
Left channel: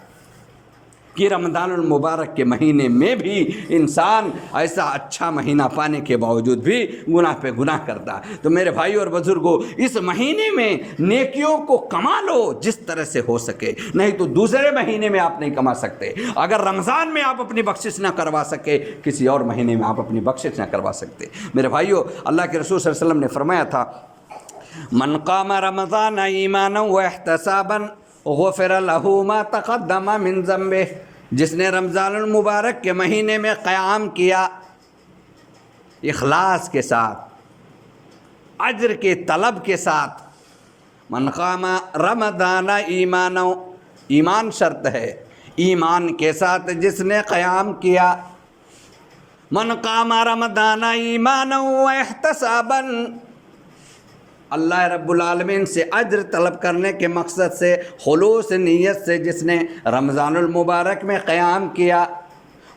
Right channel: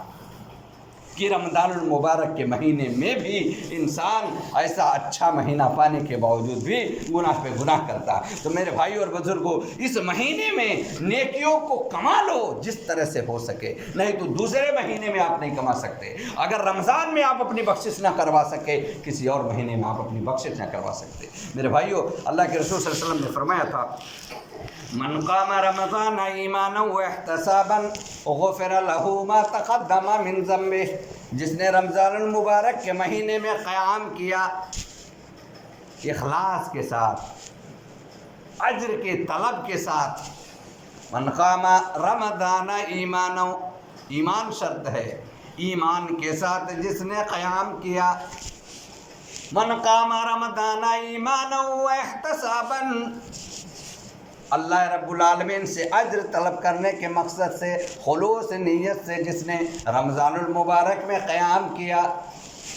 کہ رمضان المبارک کے مہینے میں بھی انسان ایسا اچھا مہینہ پانے کے باوجود بھی گناہ پہ گناہ کرتا ہے۔ تو میرے بھائیو اور بزرگوں، اس مہینے میں نیکیوں کو کما لو جس طرح سے ہو سکے، نہیں تو دوسرے مہینے میں آپ نہیں کما سکتے۔ اگر رمضان میں آپ اپنی بخشش نہ کروا سکے، کسی اور مہینے میں آپ اپنی بخشش نہ کروا سکتے۔ میرے بھائیو، اللہ کے رسول صلی اللہ علیہ وسلم نے فرمایا تھا، من قام رمضان ایمانا واحتسابا غفر له ما تقدم من ذنبه، جس نے رمضان المبارک کے مہینے میں قیام کیا اخلاص کے ساتھ، اجر کے طلب کے ساتھ، من قام رمضان ایمانا، ایمان شرط ہے، ایمان کے ساتھ جس نے قیام کیا، من قام رمضان ایمانا واحتسابا، اللہ رب العالمین سے اجر طلب کرنے کے مقصد سے، خلوص نیت سے جس نے رمضان المبارک میں قیام کیا،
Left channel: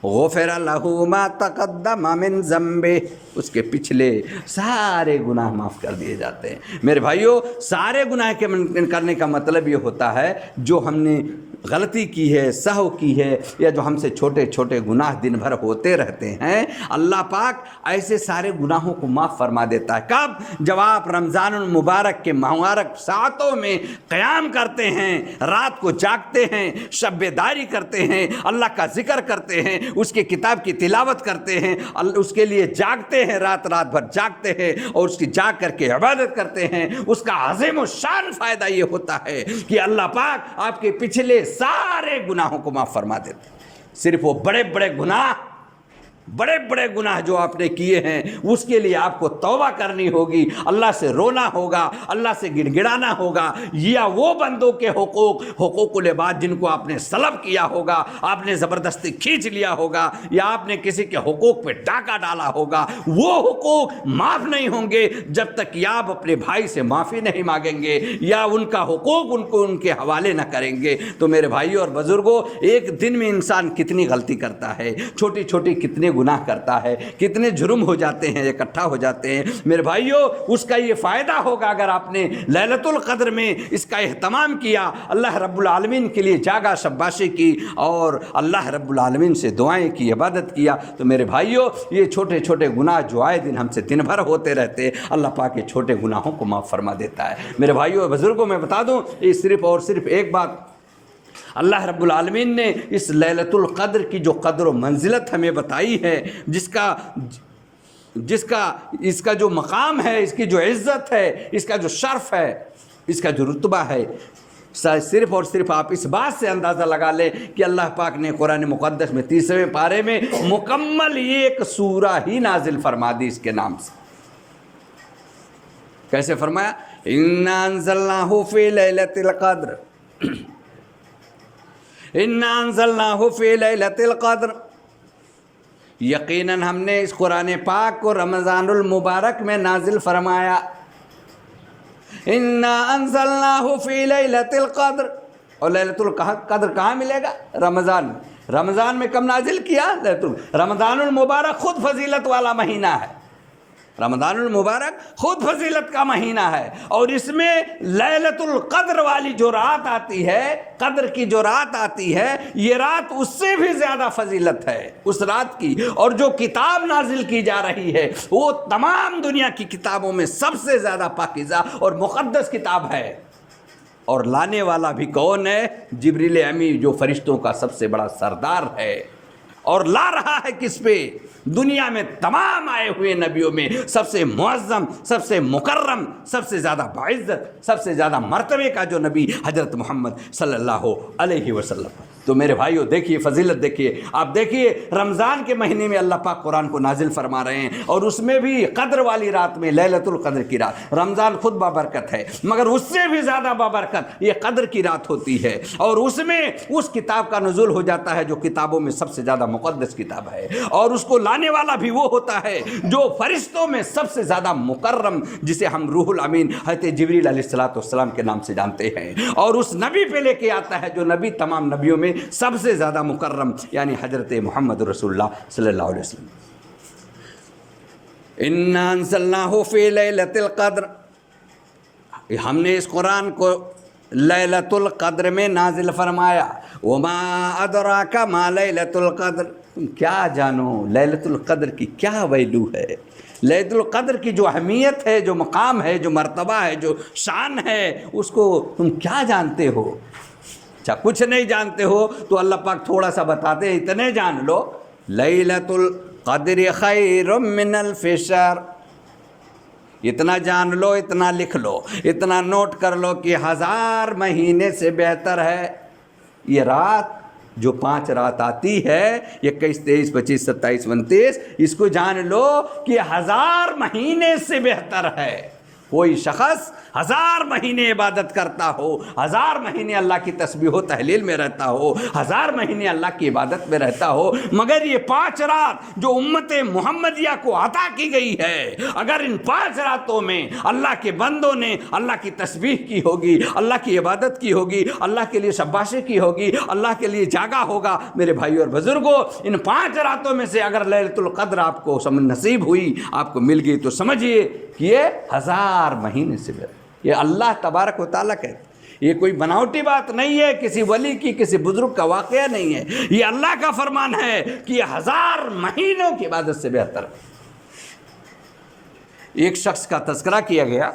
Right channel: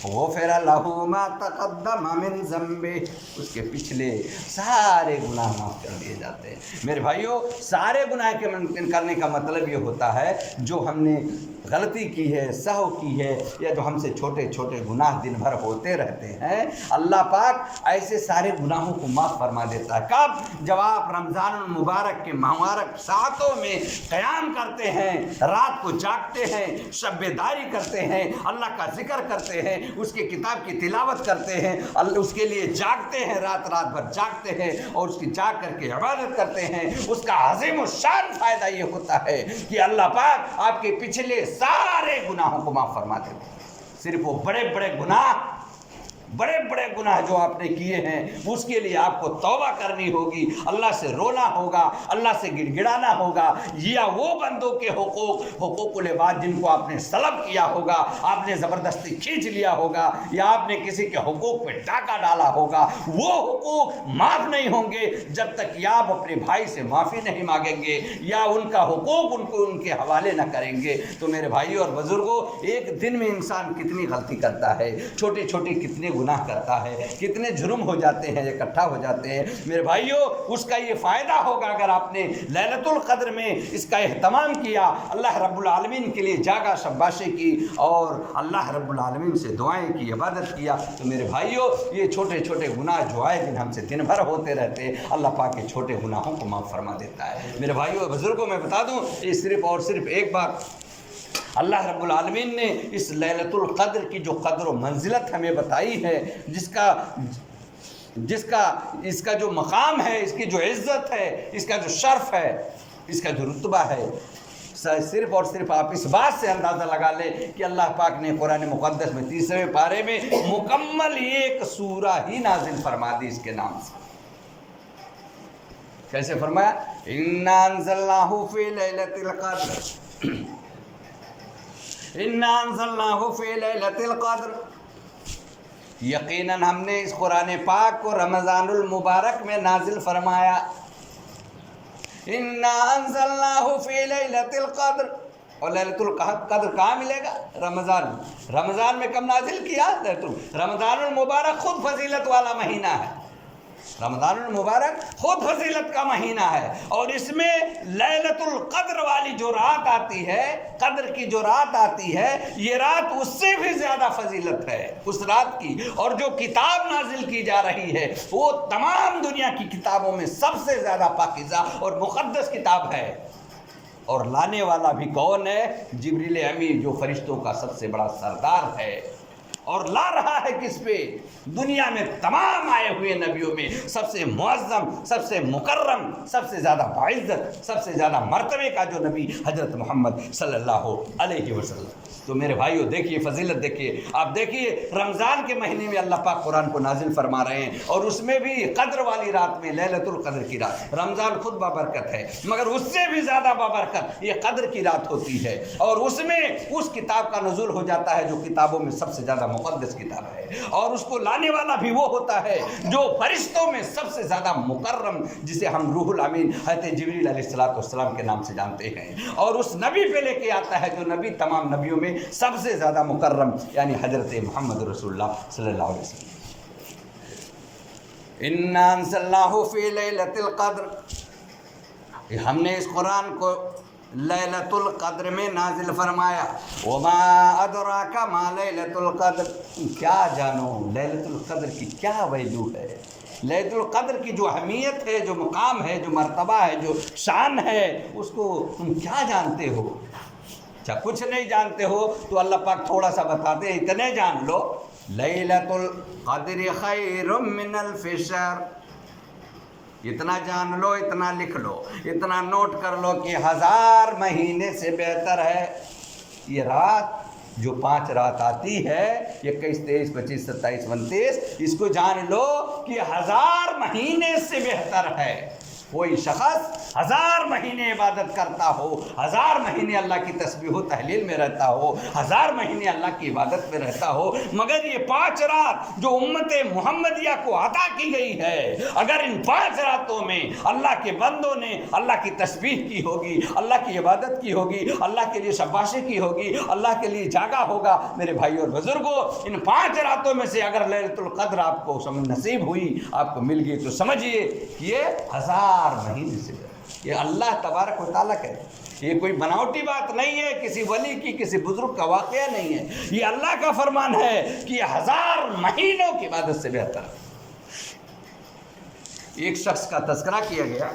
غفر له ما تقدم من ذنبه، اس کے پچھلے سارے گناہ معاف کر دیے جاتے ہیں۔ میرے بھائیو، سارے گناہ کے کرنے کا مطلب یہ ہوتا ہے جو ہم نے غلطی کی ہے، سہو کی ہے، یا جو ہم سے چھوٹے چھوٹے گناہ دن بھر ہوتے رہتے ہیں، اللہ پاک ایسے سارے گناہوں کو معاف فرما دیتا ہے۔ کب؟ جب آپ رمضان المبارک کے مبارک ساعتوں میں قیام کرتے ہیں، رات کو جاگتے ہیں، شب بیداری کرتے ہیں، اللہ کا ذکر کرتے ہیں، اس کی کتاب کی تلاوت کرتے ہیں، اس کے لیے جاگتے ہیں، رات بھر جاگتے ہیں، اور اس کی جاگ کر کے عبادت کرتے ہیں۔ اس کا عظیم الشان فائدہ یہ ہوتا ہے کہ اللہ پاک آپ کے پچھلے سارے گناہوں کو معاف فرما دیتے ہیں۔ صرف وہ بڑے بڑے گناہ بڑے بڑے گناہ جو آپ نے کیے ہیں اس کے لیے آپ کو توبہ کرنی ہوگی، اللہ سے رونا ہوگا، اللہ سے گڑ گڑانا ہوگا، یا وہ بندوں کے حقوق العباد جن کو آپ نے سلب کیا ہوگا، آپ نے زبردستی کھینچ لیا ہوگا، یا آپ نے کسی کے حقوق پہ ڈاکہ ڈالا ہوگا، وہ حقوق معاف نہیں ہوں گے جب تک کہ آپ اپنے بھائی سے معافی نہیں مانگیں گے یا ان کا حقوق ان کے حوالے نہ کریں گے۔ تو میرے بھائیوں اور بزرگوں، ایک دن میں انسان کتنی غلطی کرتا ہے، چھوٹی چھوٹی کتنے گناہ کرتا ہے، کتنے جرم ہو جاتے ہیں، اکٹھا ہو جاتے ہیں۔ میرے بھائیوں، اس کا یہ فائدہ ہوگا اگر آپ نے لیلۃ القدر میں اس کا اہتمام کیا، اللہ رب العالمین کے لیے جاگا شباشی کی اور اللہ رب العالمین سے دعائیں کی، عبادت کیا، تو میرے بھائیوں یہ چھوٹے چھوٹے گناہ جو آئے دن ہم سے دن بھر ہوتے رہتے، اللہ پاک کے چھوٹے گناہوں کو معاف فرما دیتا ہے۔ میرے بھائیوں اور بزرگوں، میں بتا دوں یہ صرف اور صرف ایک بات، اللہ رب العالمین نے اس لیلۃ القدر کی جو قدر و منزلت ہمیں بتائی ہے، اس کا جو مقام ہے، اس کی جو عزت ہے، اس کا جو شرف ہے، اس کا جو رتبہ ہے، صرف اور صرف آپ اس بات سے اندازہ لگا لیں کہ اللہ پاک نے قرآن مقدس میں 30ویں پارے میں مکمل ایک سورہ ہی نازل فرما دی اس کے نام سے۔ کیسے فرمایا؟ اِنَّا أَنزَلْنَاهُ فِي لَيْلَةِ الْقَدْرِ، اِنَّا أَنزَلْنَاهُ فِي لَيْلَةِ الْقَدْرِ، یقیناً ہم نے اس قرآن پاک کو رمضان المبارک میں نازل فرمایا۔ اِنَّا أَنزَلْنَاهُ فِي لَيْلَةِ الْقَدْرِ، اور لیلۃ القدر کہاں ملے گا؟ رمضان میں کب نازل کیا؟ رمضان المبارک خود فضیلت والا مہینہ ہے، رمضان المبارک خود فضیلت کا مہینہ ہے، اور اس میں لیلۃ القدر والی جو رات آتی ہے، قدر کی جو رات آتی ہے، یہ رات اس سے بھی زیادہ فضیلت ہے اس رات کی، اور جو کتاب نازل کی جا رہی ہے وہ تمام دنیا کی کتابوں میں سب سے زیادہ پاکیزہ اور مقدس کتاب ہے، اور لانے والا بھی کون ہے؟ جبریل امی، جو فرشتوں کا سب سے بڑا سردار ہے، اور لا رہا ہے کس پہ؟ دنیا میں تمام آئے ہوئے نبیوں میں سب سے معظم، سب سے مکرم، سب سے زیادہ باعزت، سب سے زیادہ مرتبے کا جو نبی حضرت محمد صلی اللہ علیہ وسلم۔ تو میرے بھائیو دیکھیے فضیلت، دیکھیے آپ، دیکھیے رمضان کے مہینے میں اللہ پاک قرآن کو نازل فرما رہے ہیں، اور اس میں بھی قدر والی رات میں، لیلۃ القدر کی رات، رمضان خود بابرکت ہے مگر اس سے بھی زیادہ بابرکت یہ قدر کی رات ہوتی ہے، اور اس میں اس کتاب کا نزول ہو جاتا ہے جو کتابوں میں سب سے زیادہ مقدس کتاب ہے، اور اس کو لانے والا بھی وہ ہوتا ہے جو فرشتوں میں سب سے زیادہ مکرم، جسے ہم روح الامین حضرت جبریل علیہ السلام کے نام سے جانتے ہیں، اور اس نبی پہ لے کے آتا ہے جو نبی تمام نبیوں میں سب سے زیادہ مکرم، یعنی حضرت محمد رسول اللہ صلی اللہ علیہ وسلم۔ اِنَّا أَنزَلْنَاهُ فِي لَيْلَةِ الْقَدْرِ، ہم نے اس قرآن کو لیلۃ القدر میں نازل فرمایا۔ وَمَا أَدْرَاكَ مَا لَيْلَةُ الْقَدْرِ، کیا جانو لیلۃ القدر کی کیا ویلو ہے، لیلۃ القدر کی جو اہمیت ہے، جو مقام ہے، جو مرتبہ ہے، جو شان ہے، اس کو تم کیا جانتے ہو؟ اچھا کچھ نہیں جانتے ہو تو اللہ پاک تھوڑا سا بتاتے ہیں، اتنے جان لو، لیلۃ القدر خیر من الف شہر، اتنا جان لو، اتنا لکھ لو، اتنا نوٹ کر لو کہ 1000 مہینے سے بہتر ہے یہ رات جو 5 رات آتی ہے، 21 23 25 27 29، اس کو جان لو کہ 1000 مہینے سے بہتر ہے۔ کوئی شخص 1000 مہینے عبادت کرتا ہو، 1000 مہینے اللہ کی تسبیح و تحلیل میں رہتا ہو، 1000 مہینے اللہ کی عبادت میں رہتا ہو، مگر یہ 5 رات جو امت محمدیہ کو عطا کی گئی ہے، اگر ان 5 راتوں میں اللہ کے بندوں نے اللہ کی تسبیح کی ہوگی، اللہ کی عبادت کی ہوگی، اللہ کے لیے شباشی کی ہوگی، اللہ کے لیے جاگا ہوگا، میرے بھائیو اور بزرگوں، ان 5 راتوں میں سے اگر لیلۃ القدر آپ کو نصیب ہوئی، آپ کو مل گئی، تو سمجھیے کہ یہ 1000 مہینے سے بہتر، یہ اللہ تبارک و تعالیٰ کہتے ہیں، یہ کوئی بناوٹی بات نہیں ہے، کسی ولی کی، کسی بزرگ کا واقعہ نہیں ہے، یہ اللہ کا فرمان ہے کہ یہ 1000 مہینوں کی عبادت سے بہتر۔ ایک شخص کا تذکرہ کیا گیا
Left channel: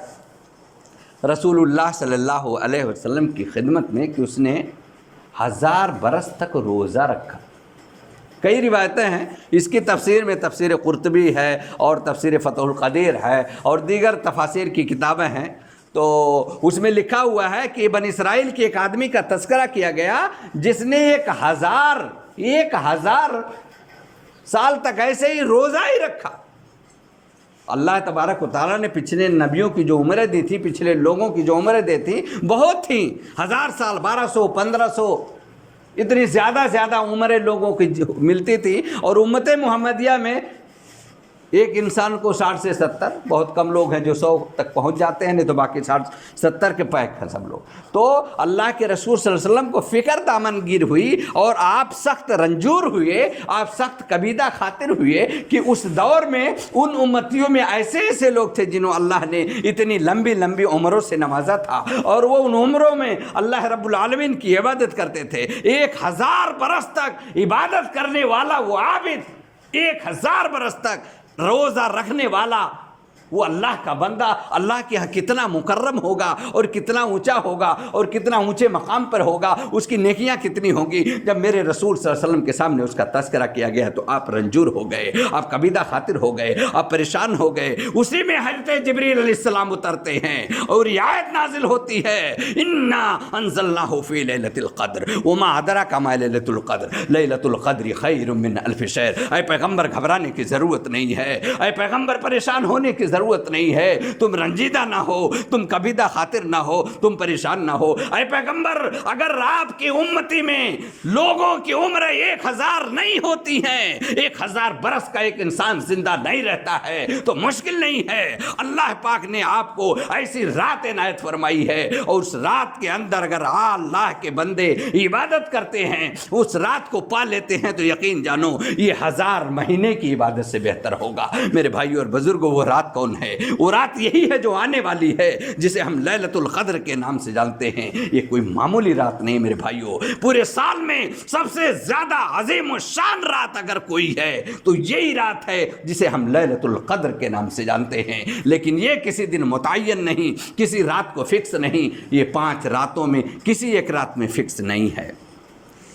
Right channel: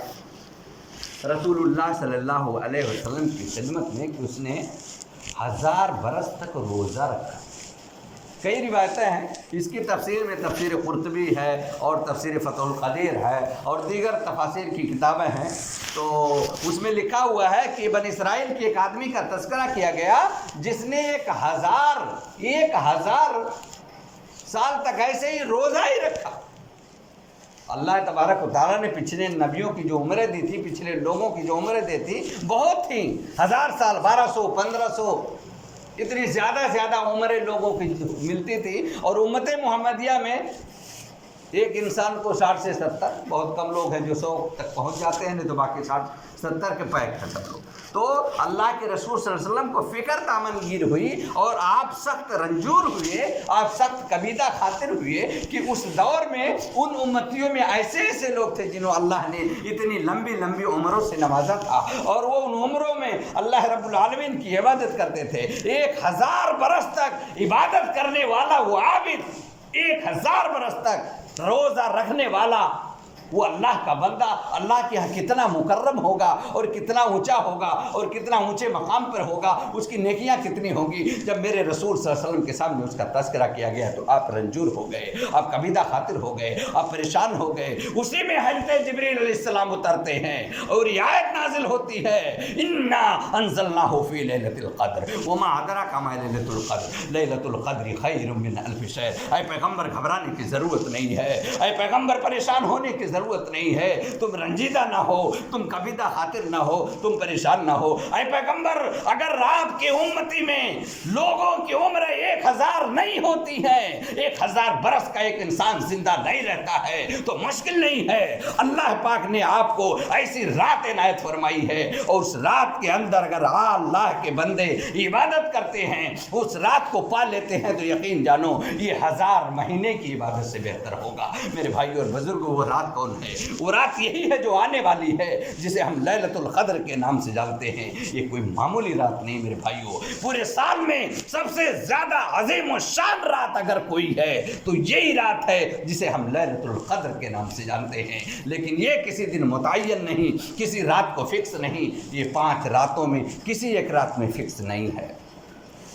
رسول اللہ صلی اللہ علیہ وسلم کی خدمت میں کہ اس نے 1000 برس تک روزہ رکھا۔ کئی روایتیں ہیں اس کی تفسیر میں، تفسیر قرطبی ہے اور تفسیر فتح القدیر ہے اور دیگر تفاسیر کی کتابیں ہیں، تو اس میں لکھا ہوا ہے کہ بنی اسرائیل کے ایک آدمی کا تذکرہ کیا گیا جس نے 1000 سال تک ایسے ہی روزہ ہی رکھا۔ اللہ تبارک و تعالیٰ نے پچھلے نبیوں کی جو عمریں دی تھی، پچھلے لوگوں کی جو عمریں دی تھی بہت تھیں، 1000 سال، 1200، 1500، اتنی زیادہ عمریں لوگوں کی ملتی تھی۔ اور امت محمدیہ میں ایک انسان کو 60 سے 70، بہت کم لوگ ہیں جو 100 تک پہنچ جاتے ہیں، نہیں تو باقی 60 70 کے پیک ہیں سب لوگ۔ تو اللہ کے رسول صلی اللہ علیہ وسلم کو فکر دامنگیر ہوئی اور آپ سخت رنجور ہوئے، آپ سخت کبیدہ خاطر ہوئے کہ اس دور میں ان امتیوں میں ایسے لوگ تھے جنہوں اللہ نے اتنی لمبی عمروں سے نوازا تھا، اور وہ ان عمروں میں اللہ رب العالمین کی عبادت کرتے تھے۔ 1000 برس تک عبادت کرنے والا وہ عابد، 1000 برس تک روزہ رکھنے والا وہ اللہ کا بندہ، اللہ کے ہاں کتنا مکرم ہوگا اور کتنا اونچا ہوگا اور کتنا اونچے مقام پر ہوگا، اس کی نیکیاں کتنی ہوں گی۔ جب میرے رسول صلی اللہ علیہ وسلم کے سامنے اس کا تذکرہ کیا گیا تو آپ رنجور ہو گئے، آپ کبیدہ خاطر ہو گئے، آپ پریشان ہو گئے۔ اسی میں حضرت جبریل علیہ السلام اترتے ہیں اور یہ آیت نازل ہوتی ہے، انا انزلناہ فی لیلۃ القدر وما ادراک ما لیلۃ القدر لیلۃ القدر خیر من الف شہر۔ اے پیغمبر گھبرانے کی ضرورت نہیں ہے، اے پیغمبر پریشان ہونے کی ضرورت نہیں ہے، تم رنجیدہ نہ ہو، تم کبیدہ خاطر نہ ہو، تم پریشان نہ ہو۔ اے پیغمبر اگر آپ کی امتی میں لوگوں کی عمریں 1000 نہیں ہوتی ہیں، 1000 برس کا ایک انسان زندہ نہیں رہتا ہے تو مشکل نہیں ہے، اللہ پاک نے آپ کو ایسی رات عنایت فرمائی ہے، اور اس رات کے اندر اگر اللہ کے بندے عبادت کرتے ہیں، اس رات کو پا لیتے ہیں تو یقین جانو یہ 1000 مہینے کی عبادت سے بہتر ہوگا۔ میرے بھائیو اور بزرگوں، وہ رات کون ہے؟ وہ رات یہی ہے جو آنے والی ہے، جسے ہم لیلۃ القدر کے نام سے جانتے ہیں۔ یہ کوئی معمولی رات نہیں میرے بھائیو، پورے سال میں سب سے زیادہ عظیم و شان رات اگر کوئی ہے تو یہی رات ہے جسے ہم لیلۃ القدر کے نام سے جانتے ہیں۔ لیکن یہ کسی دن متعین نہیں، کسی رات کو فکس نہیں، یہ 5 راتوں میں کسی ایک رات میں فکس نہیں ہے۔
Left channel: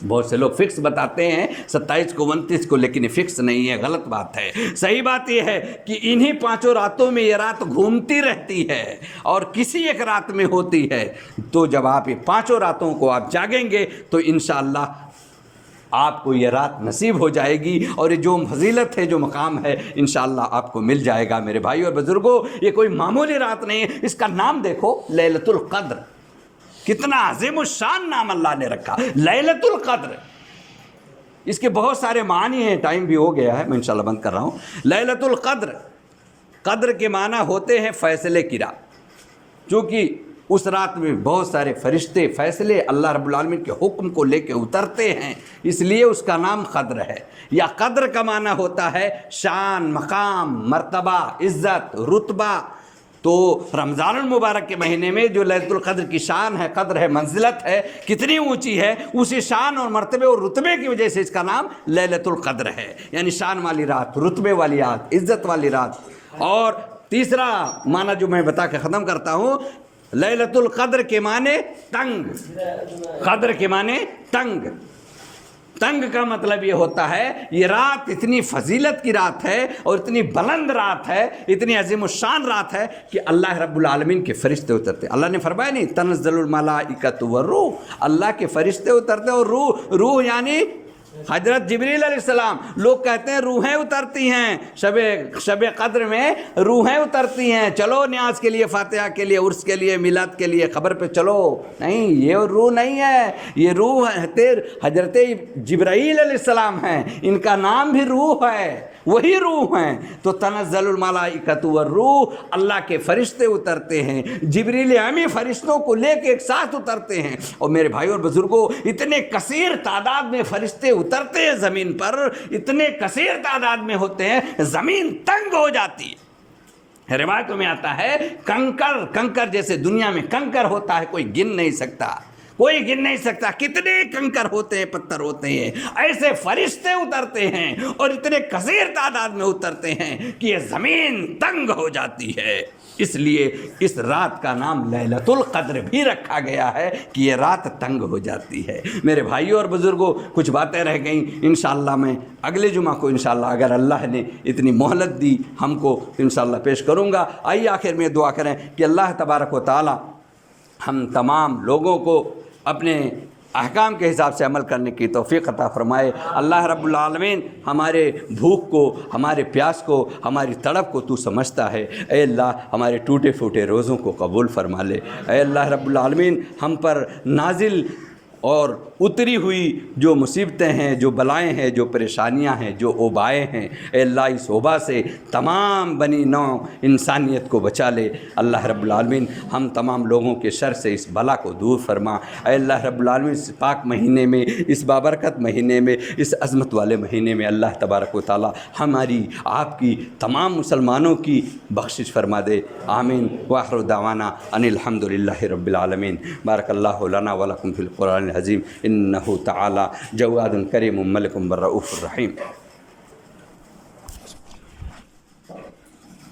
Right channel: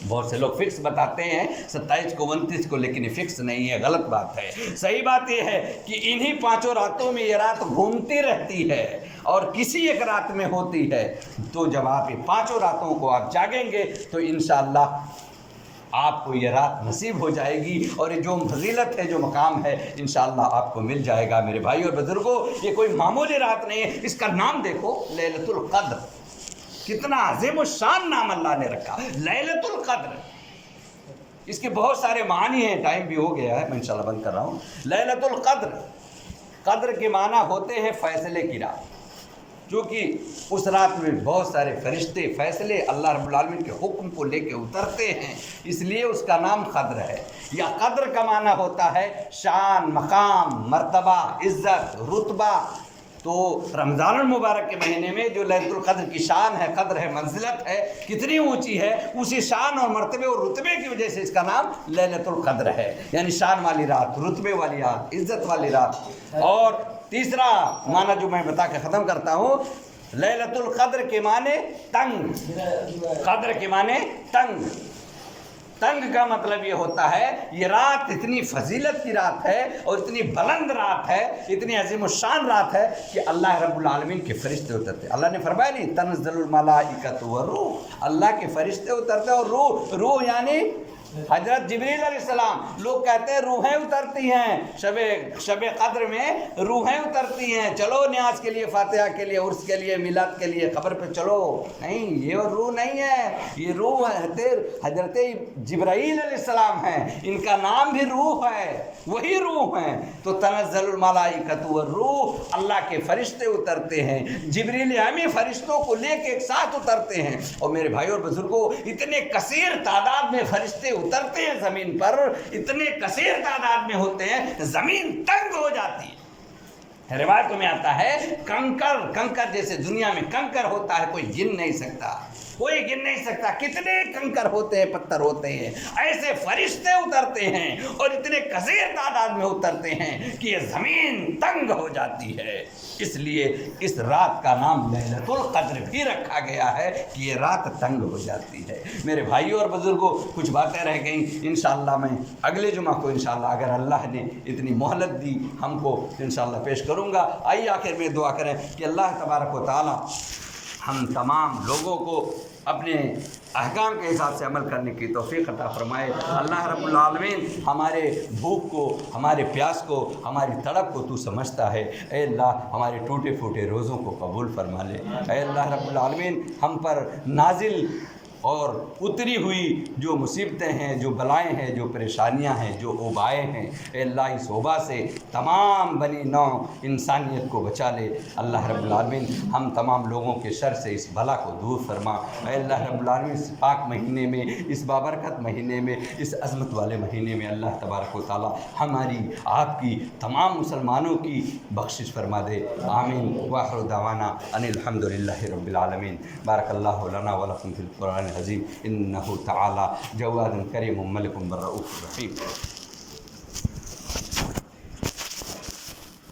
بہت سے لوگ فکس بتاتے ہیں 27 کو 29 کو، لیکن یہ فکس نہیں ہے، غلط بات ہے۔ صحیح بات یہ ہے کہ انہی 5 راتوں میں یہ رات گھومتی رہتی ہے اور کسی ایک رات میں ہوتی ہے۔ تو جب آپ یہ 5 راتوں کو آپ جاگیں گے تو انشاءاللہ آپ کو یہ رات نصیب ہو جائے گی، اور یہ جو فضیلت ہے، جو مقام ہے، انشاءاللہ آپ کو مل جائے گا۔ میرے بھائی اور بزرگوں، یہ کوئی معمولی رات نہیں ہے۔ اس کا نام دیکھو، لیلۃ القدر، کتنا عظیم الشان نام اللہ نے رکھا، لیلۃ القدر۔ اس کے بہت سارے معنی ہیں، ٹائم بھی ہو گیا ہے، میں انشاءاللہ بند کر رہا ہوں۔ لیلۃ القدر، قدر کے معنی ہوتے ہیں فیصلے کی رات، چونکہ اس رات میں بہت سارے فرشتے فیصلے اللہ رب العالمین کے حکم کو لے کے اترتے ہیں، اس لیے اس کا نام قدر ہے۔ یا قدر کا معنی ہوتا ہے شان، مقام، مرتبہ، عزت، رتبہ۔ تو رمضان المبارک کے مہینے میں جو لیلۃ القدر کی شان ہے، قدر ہے، منزلت ہے، کتنی اونچی ہے، اسی شان اور مرتبے اور رتبے کی وجہ سے اس کا نام لیلۃ القدر ہے، یعنی شان والی رات، رتبے والی رات، عزت والی رات۔ اور تیسرا معنی جو میں بتا کے ختم کرتا ہوں، لیلۃ القدر کے معنی تنگ، قدر کے معنی تنگ۔ تنگ کا مطلب یہ ہوتا ہے یہ رات اتنی فضیلت کی رات ہے اور اتنی بلند رات ہے، اتنی عظیم الشان رات ہے کہ اللہ رب العالمین کے فرشتے اترتے۔ اللہ نے فرمایا نہیں، تنزل الملائکۃ والروح، اللہ کے فرشتے اترتے، اور روح یعنی حضرت جبریل علیہ السلام۔ لوگ کہتے ہیں روحیں اترتی ہیں، شب قدر میں روحیں اترتی ہیں، چلو نیاز کے لیے، فاتحہ کے لیے، عرس کے لیے، میلاد کے لیے، قبر پہ چلو۔ نہیں، یہ روح نہیں ہے، یہ روح حضرت جبرائیل علیہ السلام ہیں، ان کا نام بھی روح ہے، وہی روح ہیں۔ تو تنزل الملائکۃ والروح، اللہ کے فرشتے اترتے ہیں، جبریل امی فرشتوں کو لے کے ایک ساتھ اترتے ہیں۔ اور میرے بھائیوں اور بزرگوں، اتنے کثیر تعداد میں فرشتے اترتے ہیں زمین پر، اتنے کثیر تعداد میں ہوتے ہیں، زمین تنگ ہو جاتی ہے۔ روایتوں میں آتا ہے کنکر جیسے دنیا میں کنکر ہوتا ہے کوئی گن نہیں سکتا، کوئی گن نہیں سکتا، کتنے کنکر ہوتے ہیں، پتھر ہوتے ہیں، ایسے فرشتے اترتے ہیں اور اتنے کثیر تعداد میں اترتے ہیں کہ یہ زمین تنگ ہو جاتی ہے۔ اس لیے اس رات کا نام لیلۃ القدر بھی رکھا گیا ہے کہ یہ رات تنگ ہو جاتی ہے۔ میرے بھائیوں اور بزرگوں، کچھ باتیں رہ گئیں، انشاءاللہ میں اگلے جمعہ کو انشاءاللہ اگر اللہ نے اتنی مہلت دی ہم کو انشاءاللہ پیش کروں گا۔ آئیے آخر میں دعا کریں کہ اللہ تبارک و تعالی ہم تمام لوگوں کو اپنے احکام کے حساب سے عمل کرنے کی توفیق عطا فرمائے۔ اللہ رب العالمین ہمارے بھوک کو، ہمارے پیاس کو، ہماری تڑپ کو تو سمجھتا ہے۔ اے اللہ ہمارے ٹوٹے پھوٹے روزوں کو قبول فرما لے۔ اے اللہ رب العالمین ہم پر نازل اور اتری ہوئی جو مصیبتیں ہیں، جو بلائیں ہیں، جو پریشانیاں ہیں، جو وبائیں ہیں، اے اللہ اس وبا سے تمام بنی نوع انسانیت کو بچا لے۔ اللہ رب العالمین ہم تمام لوگوں کے شر سے اس بلا کو دور فرما۔ اے اللہ رب العالمین اس پاک مہینے میں، اس بابرکت مہینے میں، اس عظمت والے مہینے میں اللہ تبارک و تعالی ہماری، آپ کی، تمام مسلمانوں کی بخشش فرما دے۔ آمین۔ وآخر دعوانا ان الحمد للہ رب العالمین۔ بارک اللہ لنا ولکم فی القرآن العظیم انہ تعالی جواد کریم ملک بالرؤوف الرحیم۔